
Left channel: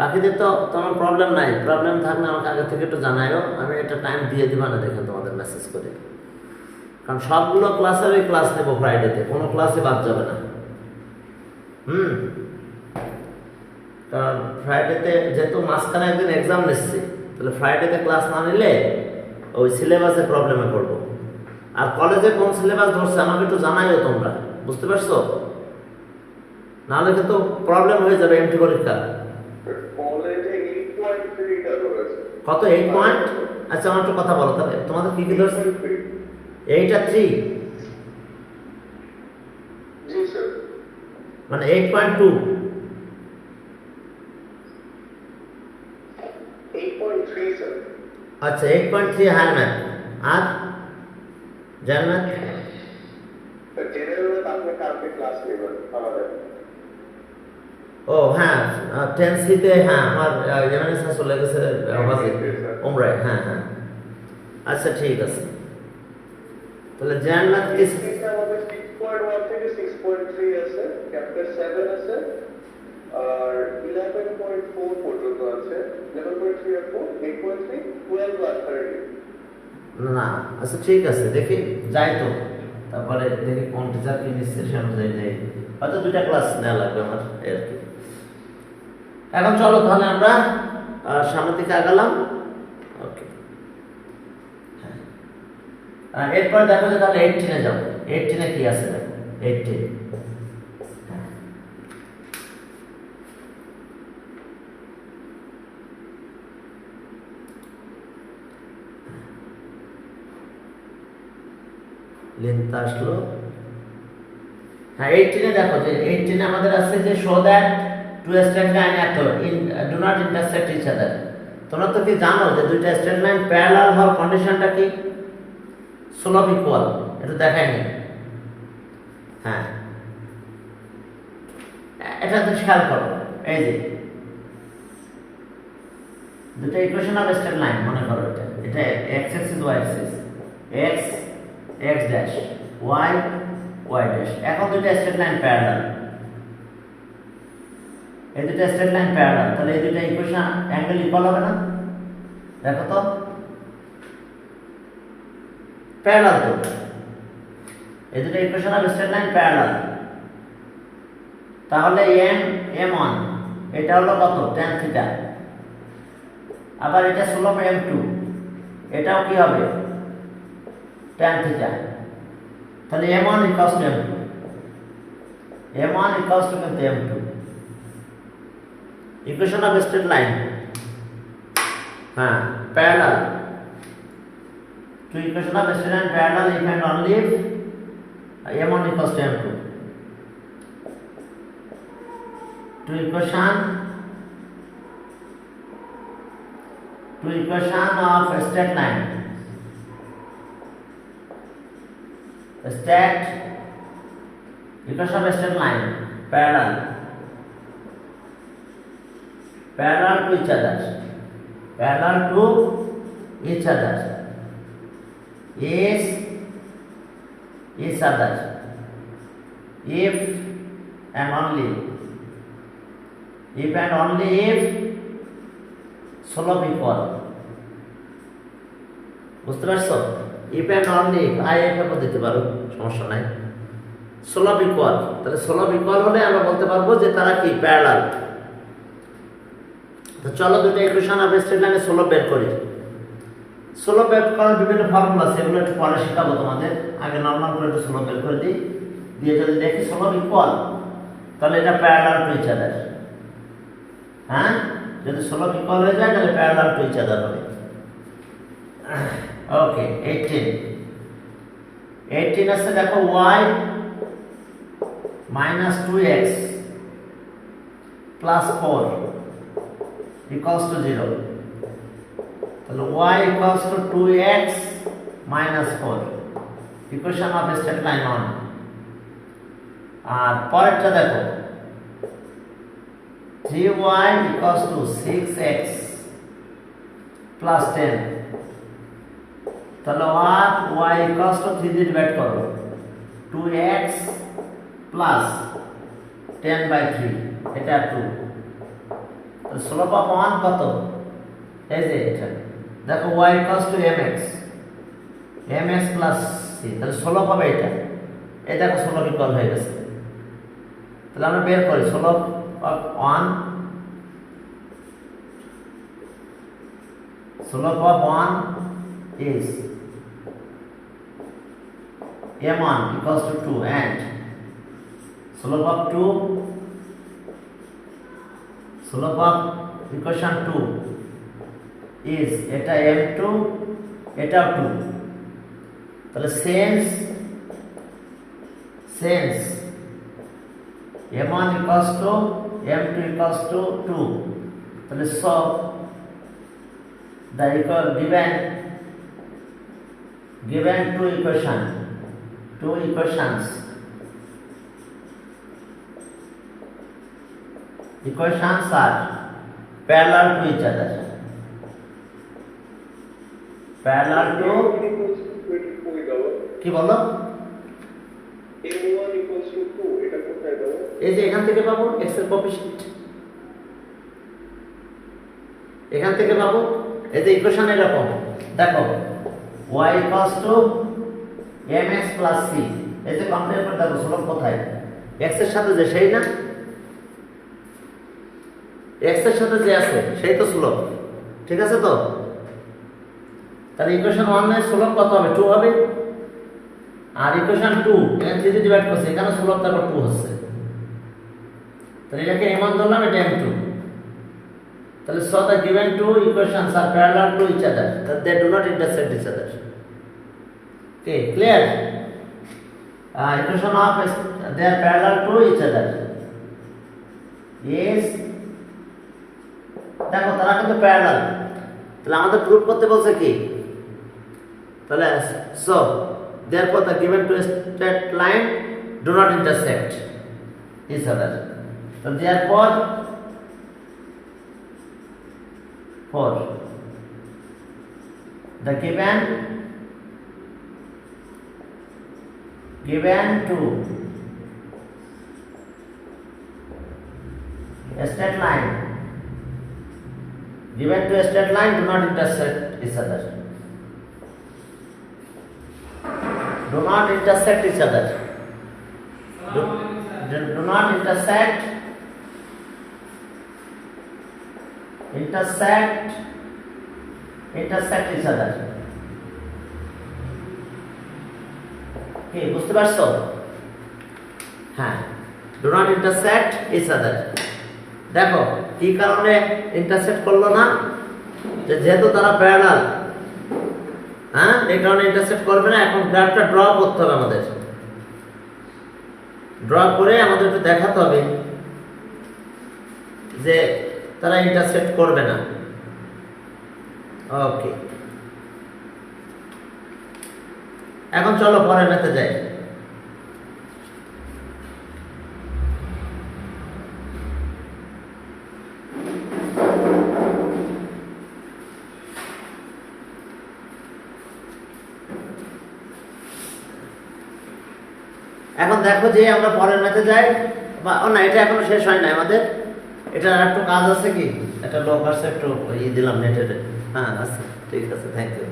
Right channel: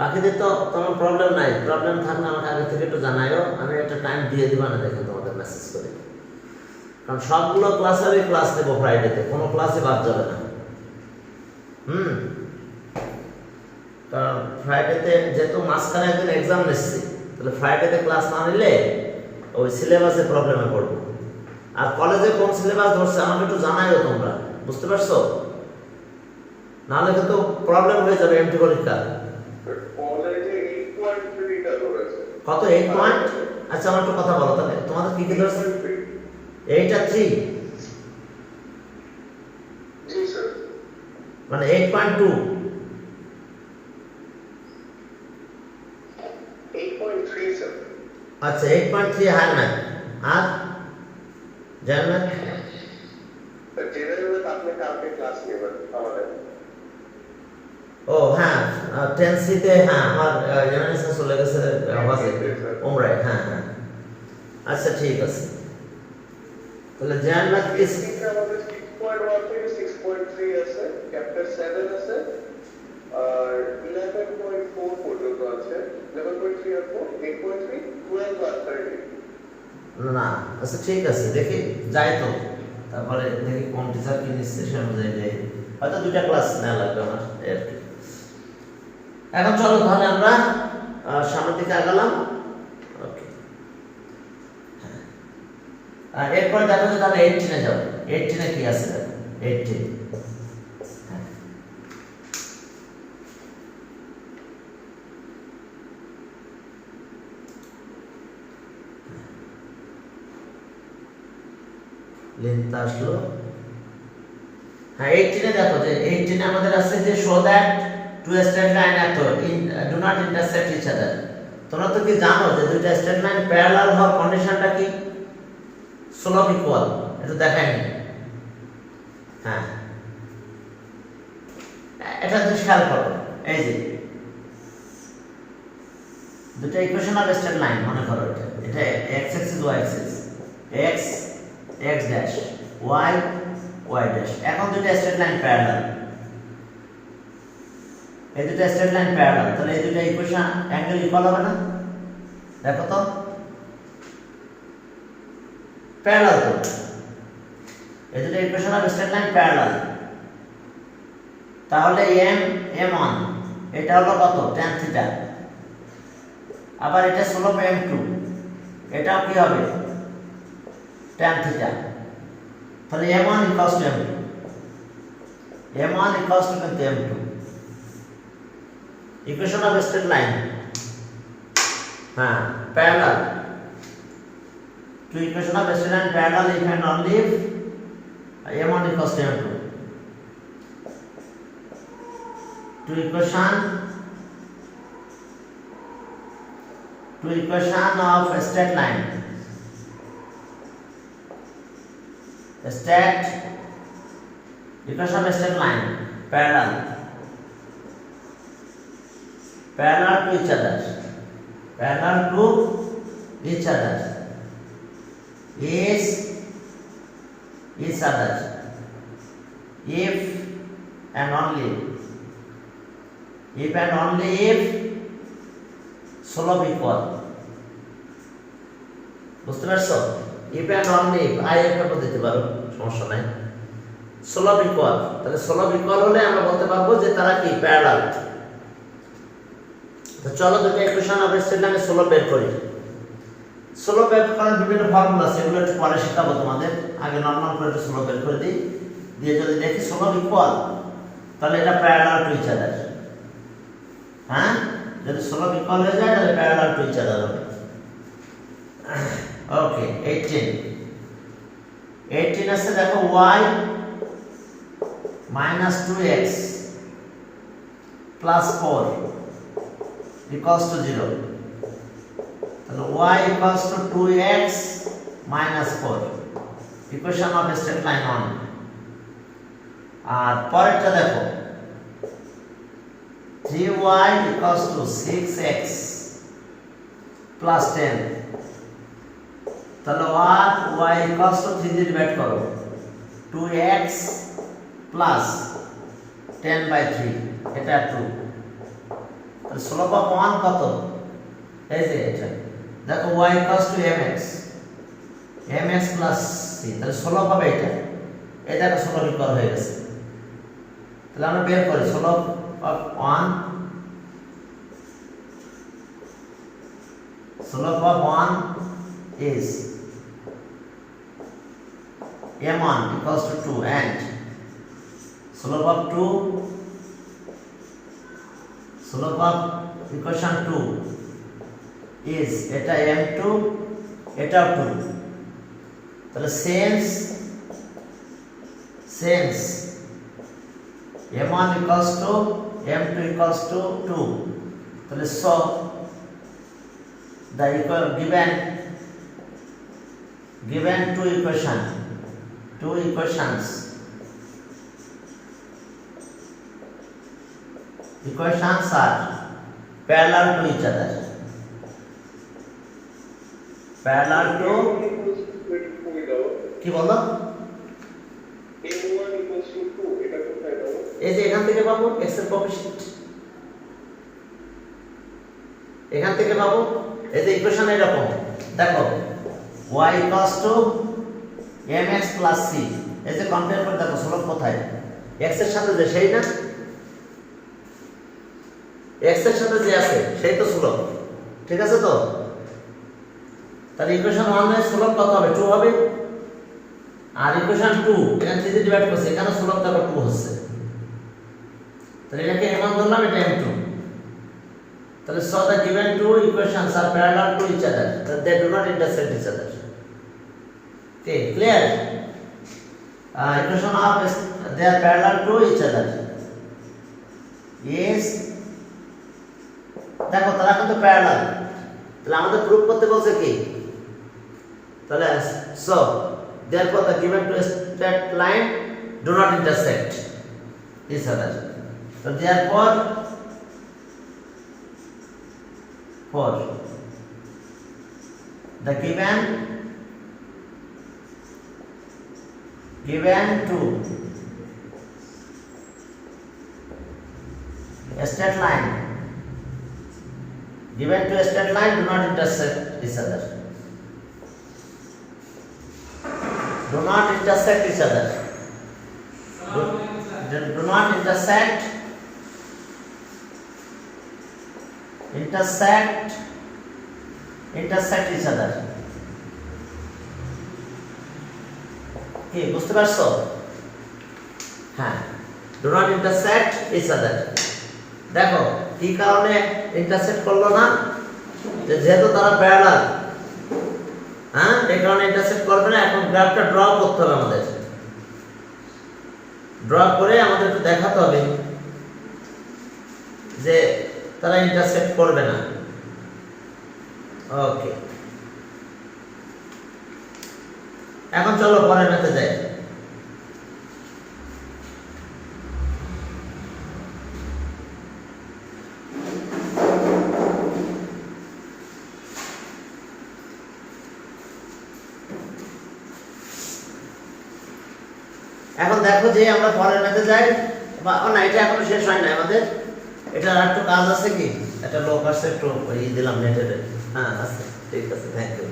বাকিদের তো তোমার প্রবলেম নাই প্রবলেম থাকলে আমাকে আগে থেকে একটু জানাইও আমি একটা টাইম দিয়ে দিব না দেখে তোমার তোমাদের মেসেজ করে, কারণ সবগুলো ক্লাসেরই ক্লাস নেব ফ্রাইডেতে, কোনো ক্লাসে বাদ যাবে না। কারণ ফ্রাইডেতে যেহেতু মাঝখানে একদিন এক্সাম নিচ্ছি, তাহলে ফ্রাইডেতে ক্লাস না নিলে ওই সিলেবাসে প্রবলেমে পড়বো। আর কলেজে কোন সিলেবাস ধরছে আমাকে একটু জানাইও তোমরা, বুঝতে পারছো? নাহলে কিন্তু প্রবলেম হয়ে যাবে এমটি পরীক্ষা। কলেজে 8.3 টা ধরেছে। কত 8 পয়েন্ট? আচ্ছা আমার একটু কথা বলো তাহলে, তোমাদের কি কি ধরছে? 8 আর 3 জি স্যার, মানে 8.2। 8.3 স্যার। আচ্ছা 8.3 হায়ার ম্যাথ আর জেনারেল ম্যাথ। জেনারেল আপনি কালকে ক্লাস নেবেন আমাদের। ও হ্যাঁ 10C-তে হ্যাঁ আমার জেনারেল স্যার চলে গেছে ওমরাই। হ্যাঁ হ্যাঁ আচ্ছা ঠিক আছে, তাহলে জেনারেল ম্যাথ কি আমাদের 6.1 থেকে 6.3 আছে, চ্যাপ্টার 7 আছে, আর 11.4 পর্যন্ত আছে। 11.3 আর 4 8.3 12 আর 13। না আচ্ছা ঠিক আছে, দেখি যাই তো, তারপরে দেখি কোন টিচার কি নিচ্ছে সে অনুযায়ী যাই, হয়তো 2টা ক্লাস নেওয়া লাগবে আমার আর কি। এখন চলো তাহলে আমরা সামনের দিকে আগালাম। ওকে হ্যাঁ, এরপর দেখো যে তাহলে 18-এ যাও। 18-এ কি আছে দেখো, 18 লেন্থ আসলো। হ্যাঁ 18-এ দেখো যে 18-এ আমাদের আছে যে show that two straight line do not intersect each other. তোমরা তো কি জানো যে দুইটা স্ট্রেট লাইন প্যারালাল হওয়ার কন্ডিশনটা কি? Slope equal. এটা দেখাই নি। হ্যাঁ এটা তো খেয়াল করো, এই যে দুটো ইকুয়েশন অফ স্ট্রেট লাইন মনে করো, এটা x Axis y Axis, x x dash y y dash. এখন দুটো স্ট্রেট লাইন প্যারালাল, এই দুটো স্ট্রেট লাইন প্যারালাল, তাহলে এই দুটো ইকুয়েশন অ্যাঙ্গেল ইকুয়াল হবে না? দেখো তো প্যারালাল, তো এই দুটো equation of straight line parallel, তাহলে m1 এটা হলো কত? tan theta. আবার এটা স্লোপ m2, এটাও কি হবে? tan theta. তাহলে m1 equals to m2, m1 equals to m2। Equation of straight line হ্যাঁ parallel, two equation of straight line parallel if and only if m1 equals to m2। Two equation of a straight line. A straight equation of a straight line parallel to each other. Parallel to each other is each other if and only if slope equal। বুঝতে পারছো? if and only if I এর দিতে পারো, সমস্যা নাই। slope equal, তাহলে slope equal হলে আমরা বলতে পারবো যে তারা কি প্যারালাল। তো চলো দুটো ইকুয়েশন অফ স্ট্রেট লাইনের স্লোপ বের করি। স্লোপ বের করার বিভিন্ন ফর্মুলা আছে, এগুলো একটু পরে শেখাবো তোমাদের। আগে নরমাল করে একটু স্লোপ বের করে দিই, দিয়ে যদি দেখি স্লোপ ইকুয়াল তাহলে এটা প্যারালাল টু ইচ আদার। হ্যাঁ যদি স্লোপ ইকুয়াল হয়ে যায় তাহলে প্যারালাল টু ইচ আদার হবে। ওকে 18 আছে দেখো y minus 2x plus 4 equals to 0, তাহলে y equals to 2x minus 4 equation of straight line 1। আর পরেরটা দেখো 3y equals to 6x plus 10, তাহলে y equals to 3 দিয়ে ডিভাইড করো 2x plus 10/3, এটা 2। তাহলে স্লোপ অফ 1 কত? এই যে এটা দেখো y equals to mx, mx plus C, তাহলে 16 পাবে এটা। এই দেখো 16 ইকুয়াল হয়ে গেছে। তাহলে আমরা বের করি 16 of 1 slope of 1 is m1 equals to 2 and slope of 2 slope of equation 2 is এটা m2 এটা 2, তাহলে since m1 equals to m2 equals to 2, তাহলে so the given two equations are parallel to each other, parallel to কি বলো m1 equals to 2 এটা কোথায় দাও? এই যে এখান থেকে পাবো x এর কোএফিসিয়েন্ট, এখান থেকে পাবো। এই যে ইকুয়েশন এরকম দেখো y equals to mx plus c, এই যে কম্পেয়ার করে দেখো স্লোপ কোথায়, x এর সাথে যে সেই না, x এর সাথে যে আছে সেই তো স্লোপ, ঠিক আছে তো? তাহলে ইকুয়েশন 1 এর স্লোপ কত হবে? 2 হবে। আর ইকুয়েশন 2 এখানে 3 দিয়ে ডিভাইড করছে, এখানে স্লোপ দেখো 2 হচ্ছে, তাহলে এটাকে m1 ধরলাম, এটা m2। তাহলে so the given two equations are parallel to each other, but they do not intersect each other. Okay, clear? Equation of they are parallel to each other. Yes. দেখো তারা কিন্তু প্যারালাল, তাহলে আমাদের proof করতে বলছে কি? তাহলে so therefore the given two straight line do not intersect each other. So therefore for the given two straight line do not intersect each other, do not intersect each other, do not intersect each other. কি বুঝতে পারছো? হ্যাঁ, do not intersect each other. দেখো কি কারণে intersect করলো না? যেহেতু তারা প্যারালাল, হ্যাঁ, এই কারণে ইন্টারসেক্ট করবে না। এখন গ্রাফটা ড্র করতে হবে আমাদের, ড্র করে আমাদের একটু দেখাতে হবে যে তারা ইন্টারসেক্ট করবে না। ওকে, এখন চলো পরের ম্যাথে যাই। এখন দেখো যে আমরা পরের ম্যাথে যাই, না এটা এখন শেষ হয় না আমাদের, এটা আর একটু কাজ আছে। কি এটা লোক আসছে, একটু দিলাম নেটে। হ্যাঁ আছে, ঠিক আছে, থ্যাংক ইউ।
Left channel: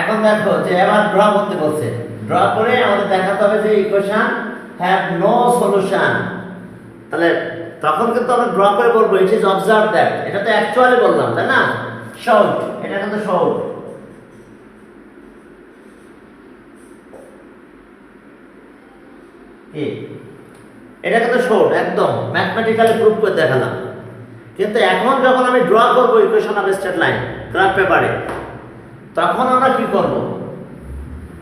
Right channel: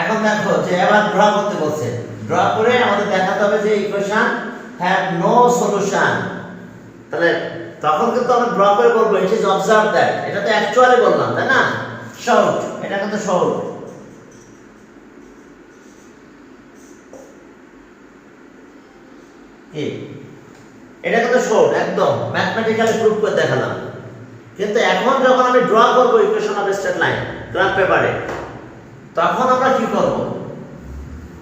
এখন দেখো যে এবার ড্র করতে বলছে, ড্র করে আমাদের দেখাতে হবে যে ইকুয়েশন হ্যাভ নো সলিউশন। তাহলে তখন কিন্তু আমরা ড্র করে বলবো ইট ইজ অবজার্ভ দ্যাট, এটা তো অ্যাকচুয়ালি বললাম, তাই না? শর্ট, এটা কিন্তু শর্ট। এটা কিন্তু শর্ট, একদম ম্যাথমেটিক্যালি প্রুফ করে দেখালাম। কিন্তু এখন যখন আমি ড্র করব equation of straight line graph পেপারে, তখন আমরা কি করব?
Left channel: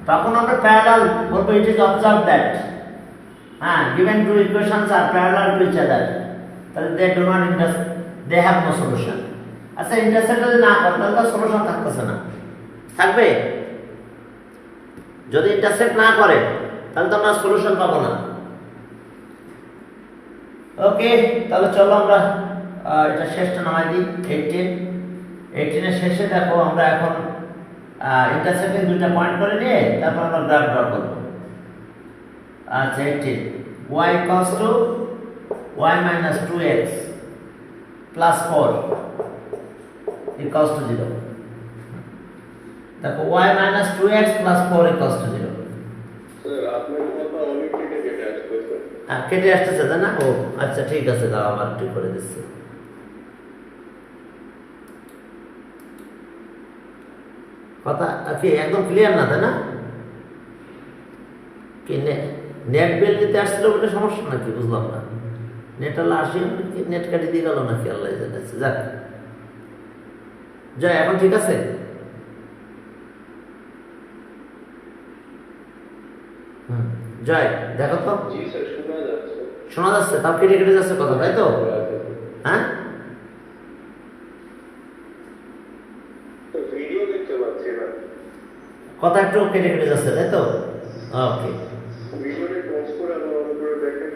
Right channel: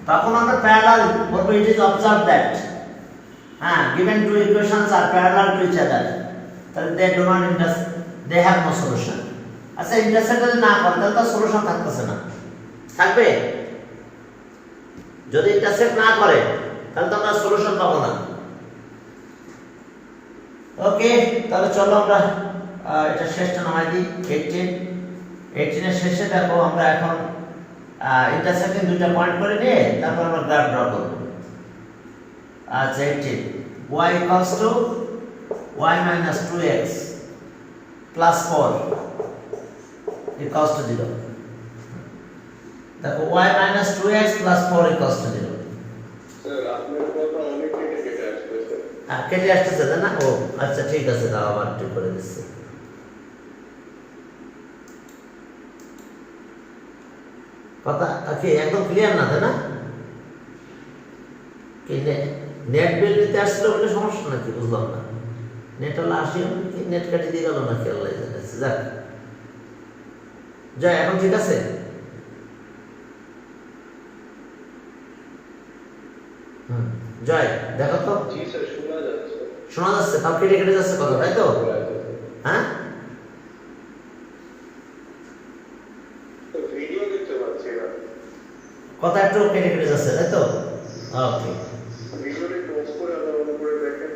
তখন আমরা প্যারালাল বলবো ইট ইজ অবজার্ভ দ্যাট, হ্যাঁ, given two equations are parallel to each other, তাহলে they do not intersect, they have no solution। আচ্ছা, ইন্টারসেক্ট যদি না করে তাহলে তার সলিউশন থাকতেছে না, থাকবে? যদি ইন্টারসেক্ট না করে তাহলে তো আমরা সলিউশন পাবো না। ওকে, তাহলে চলো আমরা এটা শেষটা নামাই দিই। 18 এর শেষে দেখো আমরা এখন ইন্টারসেক্টিং দুটো পয়েন্ট করে নিয়ে তারপর আমরা গ্রাফ ড্র করব। আচ্ছা, 18 y equals to y minus 2x plus 4 equals to 0, দেখো y minus 2x plus 4 equals to 0 sir আপনার কথা অনেক কেটে কেটে আসতেছে। কেটে আসতেছে তাই না? ও আচ্ছা ঠিক আছে, দাও আবার ঠিক করে দিচ্ছি। কথা কি একদম ক্লিয়ার না তাই না? কি নেট বিল নিতে আসছিল বলে সমস্যা নাকি বুঝলাম না। নেট আলা আসি কি নেট কেটে দিয়ে গেল নাকি আল্লাহ জানে। যাক জয়, এখন ঠিক আছে? জয় দেখো তো। জি স্যার, শোনা যাচ্ছে। শোনা যাচ্ছে? তাও কেটে কেটে যাচ্ছে কথা, তাই তো? হ্যাঁ ভিডিও দেখতে পাচ্ছি না। কথা একটু কেটে কেটে যাচ্ছে তাই তো? ওকে। ভিডিওটি পজ করে আবার অন করে দেখেন।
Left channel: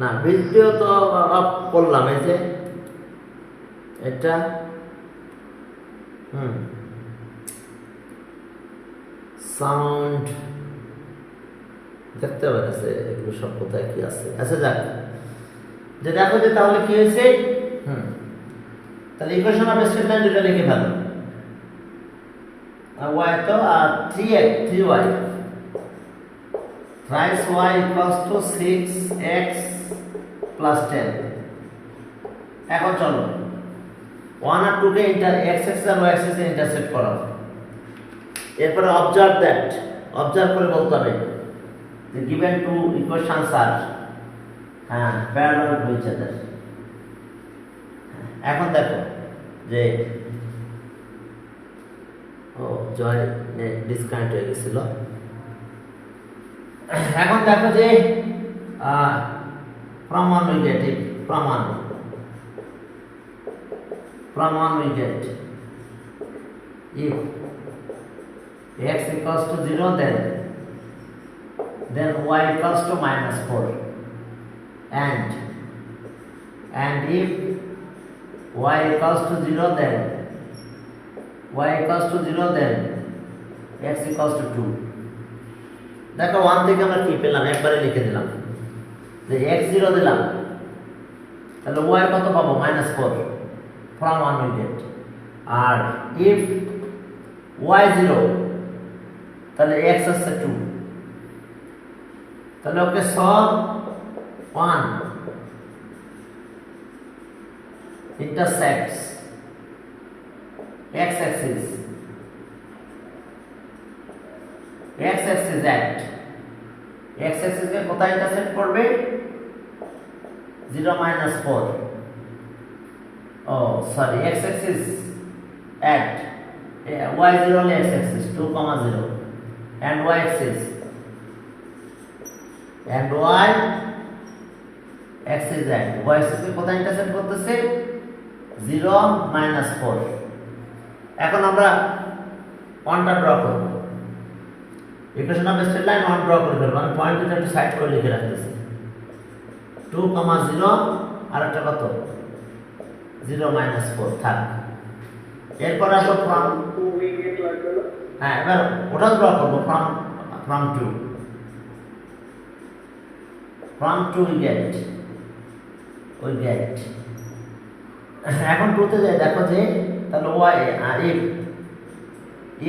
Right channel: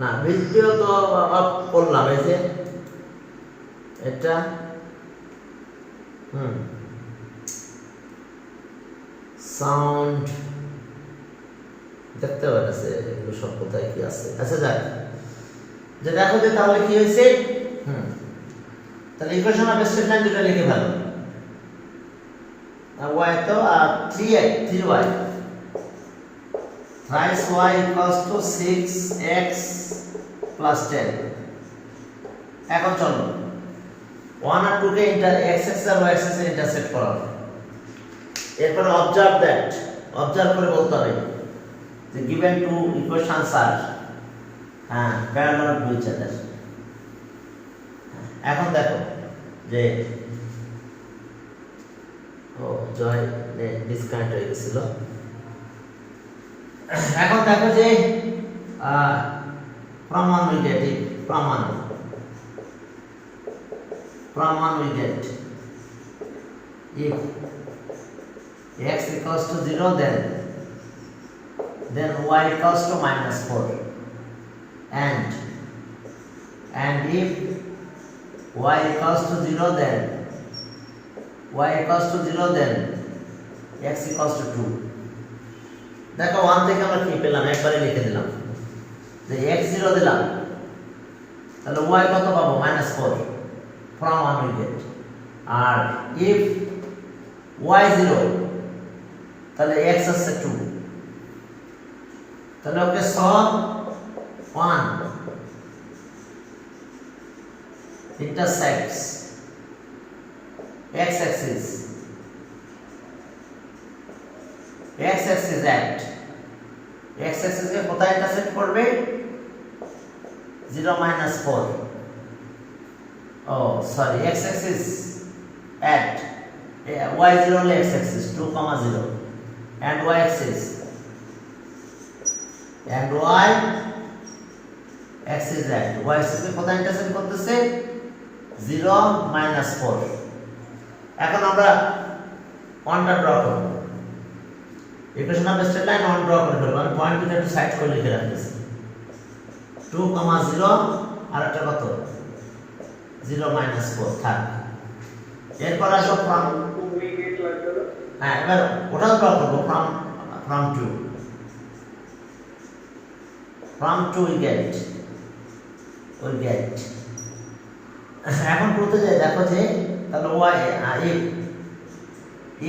না ভিডিও তো অফ করলাম, এই যে এটা সাউন্ড দেখতে পাচ্ছে, এগুলো সব কোথায় কি আছে। আচ্ছা যাক, যে দেখো যে তাহলে কি হয়েছে। তাহলে ইকুয়েশন অফ স্টেটমেন্ট দুটো লিখে ভালো। y তো 3y thrice y equals to 6x plus 10। এখন চলো 1 আর 2 কে x axis আর y axis এ ইন্টারসেক্ট করো। এরপর অবজার্ভ দ্যাট, অবজার্ভ করে বলতে হবে the given two equations are parallel to each other। এখন দেখো যে জয় ডিসকানেক্ট হয়ে গেছিল। এখন দেখো যে প্রমাণ উই গেট, প্রমাণ we get if x equals to 0 then y equals to -4 and if y equals to 0 then x equals to 2। দেখো 1 থেকে আমরা কি পেলাম একবারে লিখে দিলাম যে x 0 দিলাম, তাহলে y কত পাবো? -4 from 1 we get। R if y 0 তাহলে x আছে 2, তাহলে ওকে solve 1 intersects x axis at x axis এ কোথায় ইন্টারসেক্ট করবে? 0 -4 x axis at y 0 হলে x axis 2, 0 and y axis at y axis এ কোথায় ইন্টারসেক্ট করতেছে? 0 -4। এখন আমরা ওয়ানটা ড্র করব। Equation of straight line one draw করে ফেলবো। আমি পয়েন্ট দুটো একটু সাইড করে লিখে রাখতেছি 2, 0 আর একটা কত 0 -4 থাক। এরপর আসো ফ্রম 2 we get লাগবে না। হ্যাঁ এবার ওটা ড্র করব। ফ্রম 2 we get এখন 2 তে যাই, দেখো যে তাহলে y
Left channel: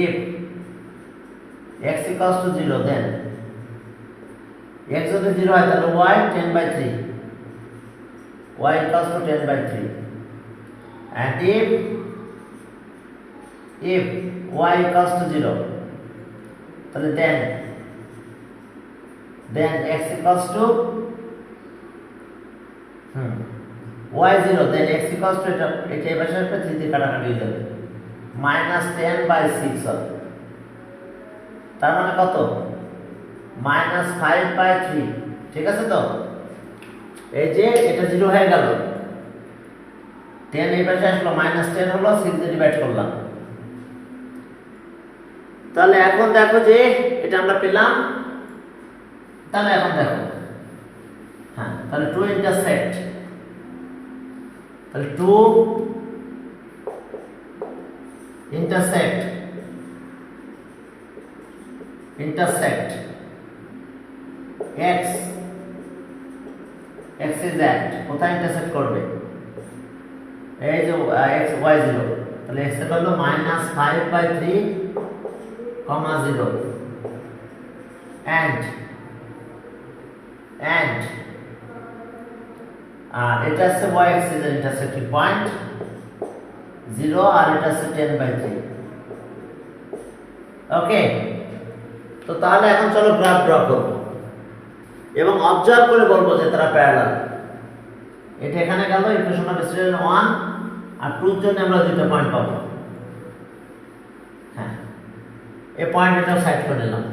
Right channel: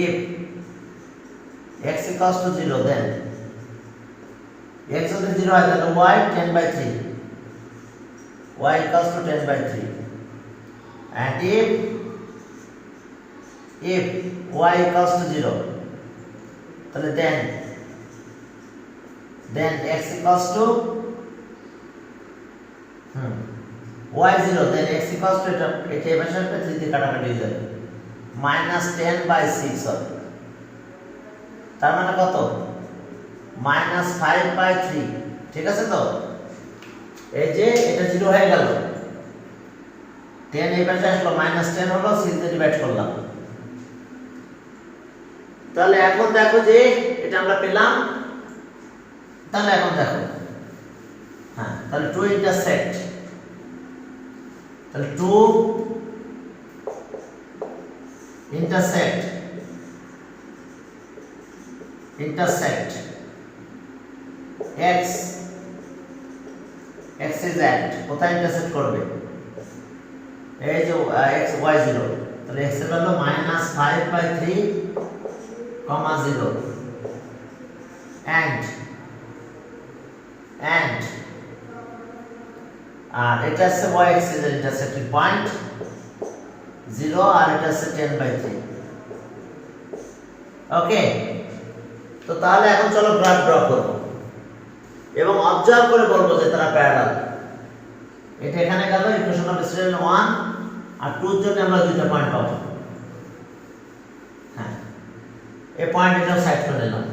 if x equals to 0 then x যদি 0 হয় তাহলে y 10/3 y equals to 10/3 and if y equals to 0 তাহলে then x equals to y 0 then x equals to এটা এবার সাথে 3 দিয়ে কাটাকাটি হয়ে যাবে -10/6 হবে। তার মানে কত? -5/3। ঠিক আছে তো? এই যে এটা 0 হয়ে গেল, 10 এই পাশে আসলো, -10 হলো, 6 দিয়ে ডিভাইড করলাম। তাহলে এখন দেখো যে এটা আমরা পেলাম। তাহলে এখন দেখো তাহলে 2 ইন্টারসেক্ট, তাহলে 2 intersect x is at কোথায় ইন্টারসেক্ট করবে? এই যে x y 0, তাহলে x এর হলো -5/3 comma 0 and আর এটা আছে y axis এর ইন্টারসেক্টিং পয়েন্ট 0 আর এটা আছে 10/3 ওকে তো তাহলে এখন চলো গ্রাফ ড্র করব এবং অবজার্ভ করে বলবো যে তারা প্যারালাল এটা এখানে গেল ইকুয়েশন নাম্বার 1 আর 2 এর জন্য আমরা দুটো পয়েন্ট পাবো হ্যাঁ এই পয়েন্ট এটা সাইড করে নিলাম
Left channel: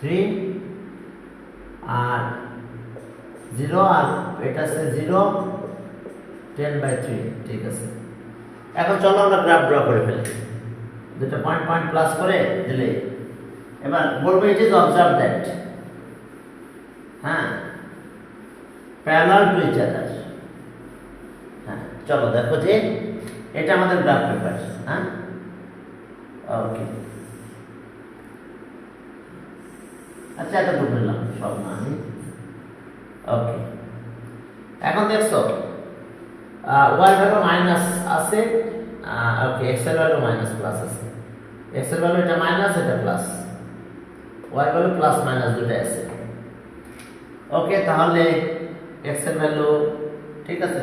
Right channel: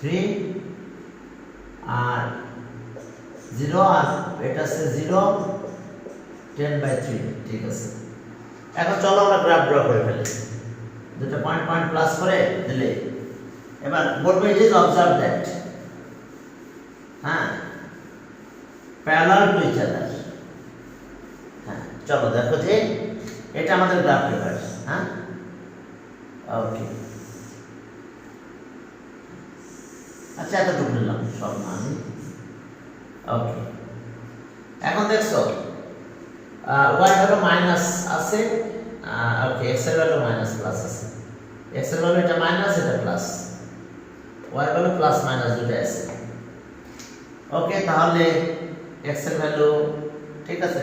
3 আর 0 আর এটা আছে 0 10/3 ঠিক আছে এখন চলো আমরা গ্রাফ ড্র করে ফেলি দুটো পয়েন্ট পয়েন্ট প্লাস করে দিলে এবার বলবো ইট ইজ অবজার্ভ দ্যাট হ্যাঁ প্যারালাল টু ইচ আদার হ্যাঁ চলো দেখো যে এটা আমাদের গ্রাফ পেপার হ্যাঁ ওকে আচ্ছা এতটুকু নিলাম সব না আমি ওকে এখন দেখছো y ভ্যালু মাইনাস আছে ওকে x এর ভ্যালু মাইনাস প্লাস আছে x এর ভ্যালু এটা মাইনাস এটা plus y value plus minus দুটো আছে ওকে তাহলে x এর ভ্যালু ঠিক আছে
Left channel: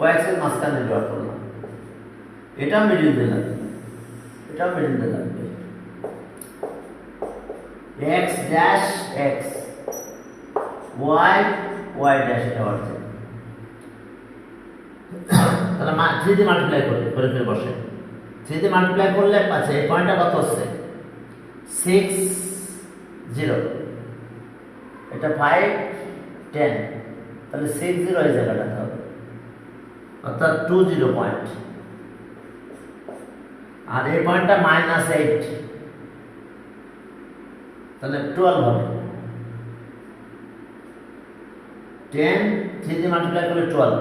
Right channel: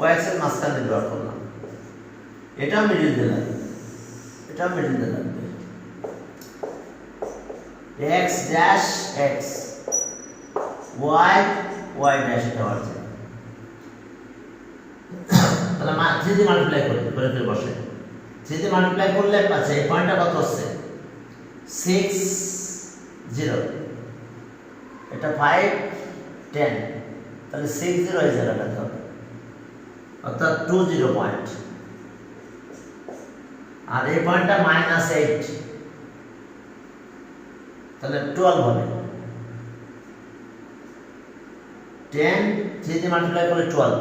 y এর মাঝখানে ড্র করলাম এটা মিডল দিলাম এটা মিডল দিলাম x dash x y y dash এটা হচ্ছে তাহলে 3 দিয়ে মাল্টিপ্লাই করে করে বসে 3 দিয়ে মাল্টিপ্লাই করলে পাচ্ছে এই পয়েন্টটা কত হচ্ছে 6 0 এটা 5 10 তাহলে 6 0 এই জায়গাটা হবে অর্থাৎ 20 পয়েন্ট আর এই পয়েন্টটা -8 তাহলে 12 হবে 10 3 দিয়ে মাল্টিপ্লাই করলে 12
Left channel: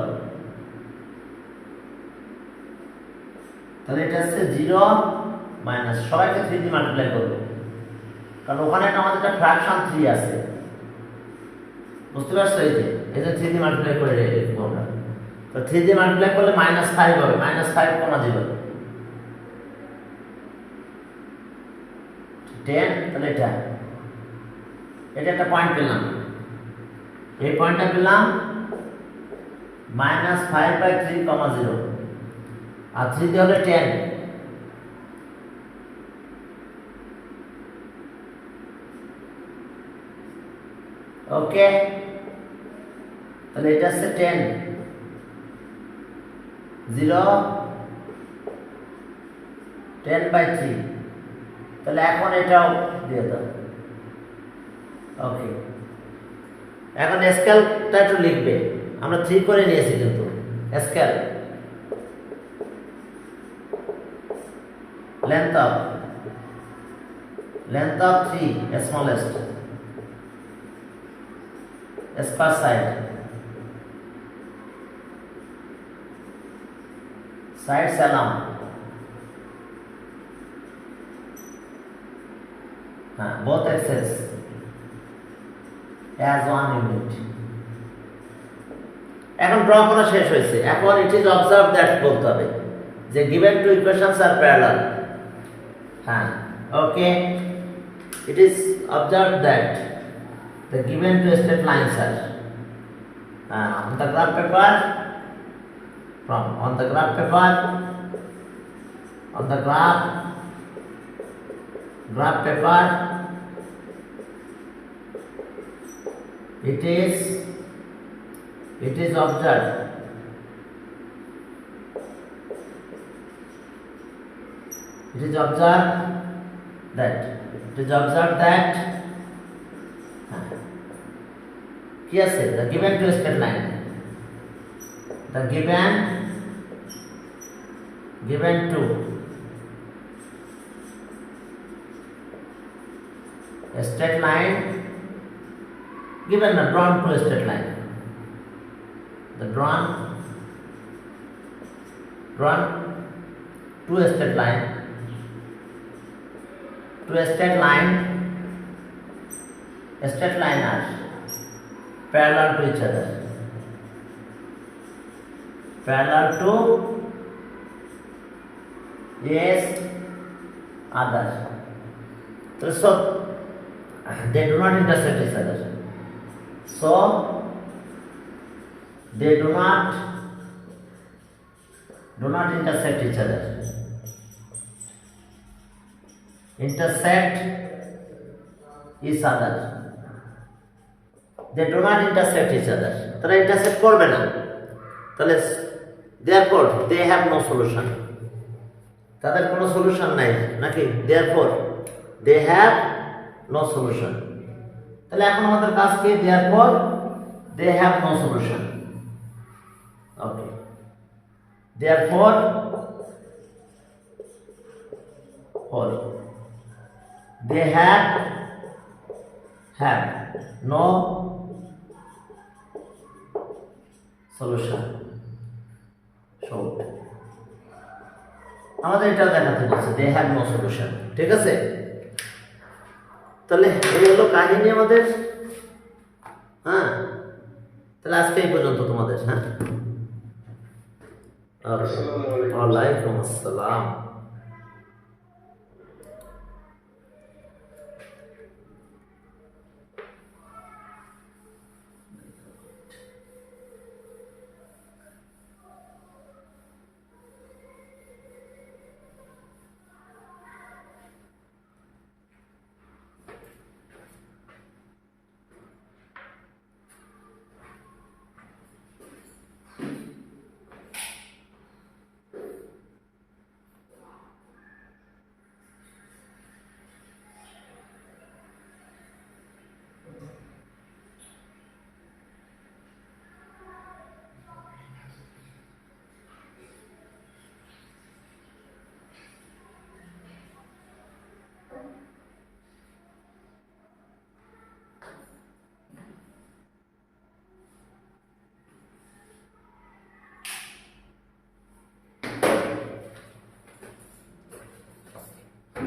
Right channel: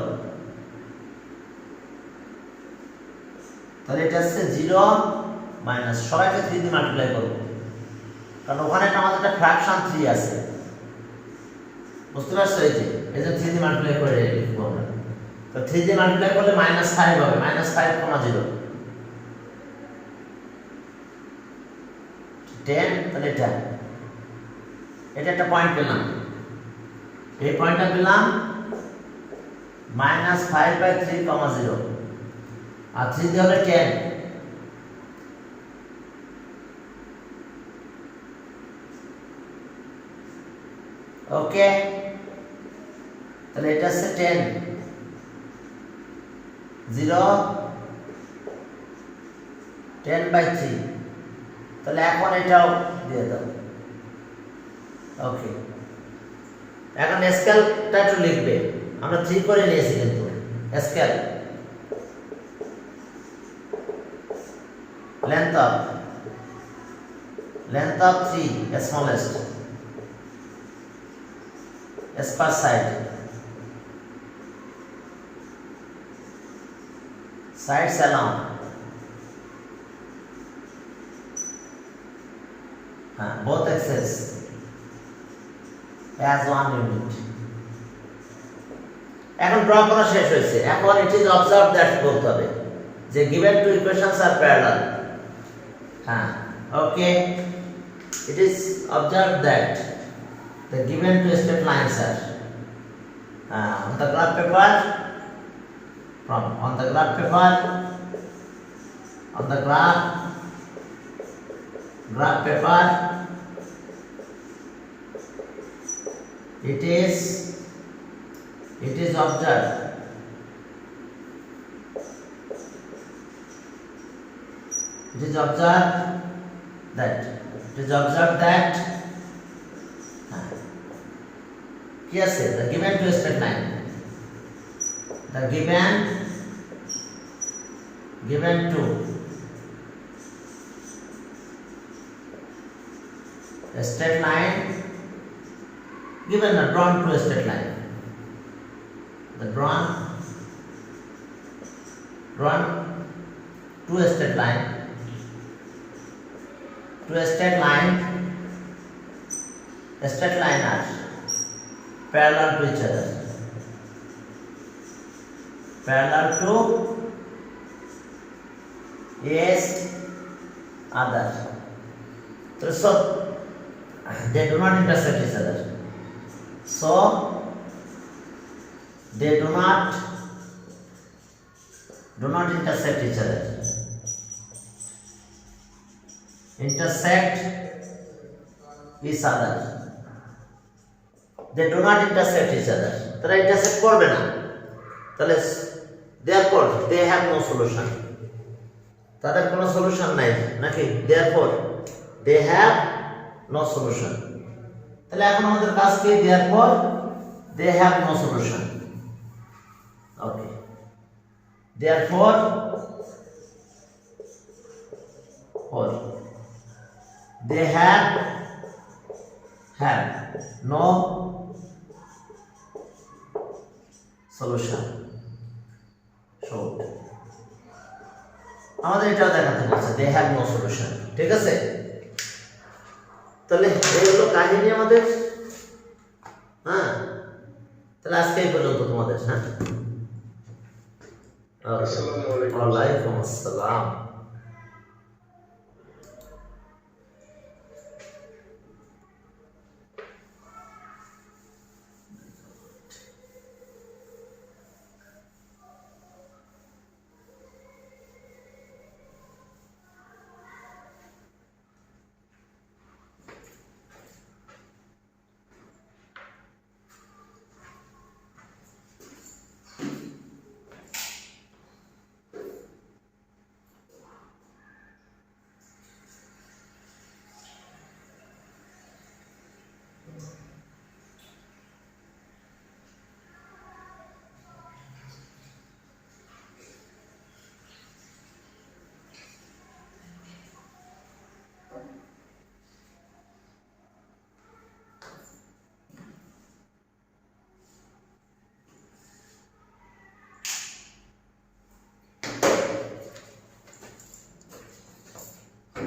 তাহলে এটা হচ্ছে 0 মাইনাস সবাইকে 3 দিয়ে মাল্টিপ্লাই করব কারণ ওখানে আমাদের একটা ফ্র্যাকশন 3 আছে বুঝতে পারছো এই যে 3 দিয়ে মাল্টিপ্লাই করে লিখব আমরা তো 3 দিয়ে মাল্টিপ্লাই করলে -5 হবে -5,0 10 তাহলে এটা একটা পয়েন্ট পেলাম এই পয়েন্টটা পেলাম -5/3,0 আর 3 দিয়ে হলে 10 ওকে তাহলে এটা হচ্ছে 10 0 10/3 তাহলে এখন এটাও দিয়ে দাও ওকে এখন স্কেলটা একটু লিখবে আমরা 3 করে নিয়েছি কিন্তু scale length of 3 smallest as per side sides along both axes as 1 unit এখন ড্র করা শেষ হয়েছে এখন ইট ইজ অবজার্ভ দ্যাট বলতে হবে যে given two equations are parallel okay it is observed that the given two straight lines are on the graph paper on the graph paper it is observed that yes the given two straight line the given two a straight line given a drawn two straight line the drawn two straight line are parallel to each other yes other. So they do not intersect each other. So they do not intersect each other. Intersect each other. They do not intersect each other. তারা intersect করবে না। তাহলে therefore they have no solution. তাদের কোনো solution নাই নাকি? therefore they have no solution. তাহলে এখন আমাদের কাজ কি? therefore they have no solution. Okay. Therefore they have no solution. Short. আমাদের এটা দেখাতে বলছে they have no solution. ঠিক আছে? তাহলে এই হলো কাহিনী আমাদের। হ্যাঁ, তাহলে আজকে এই পর্যন্ত তোমাদের। হ্যাঁ, আসসালামু আলাইকুম। ওয়ালাইকুম আসসালাম।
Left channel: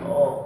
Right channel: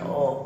Oh.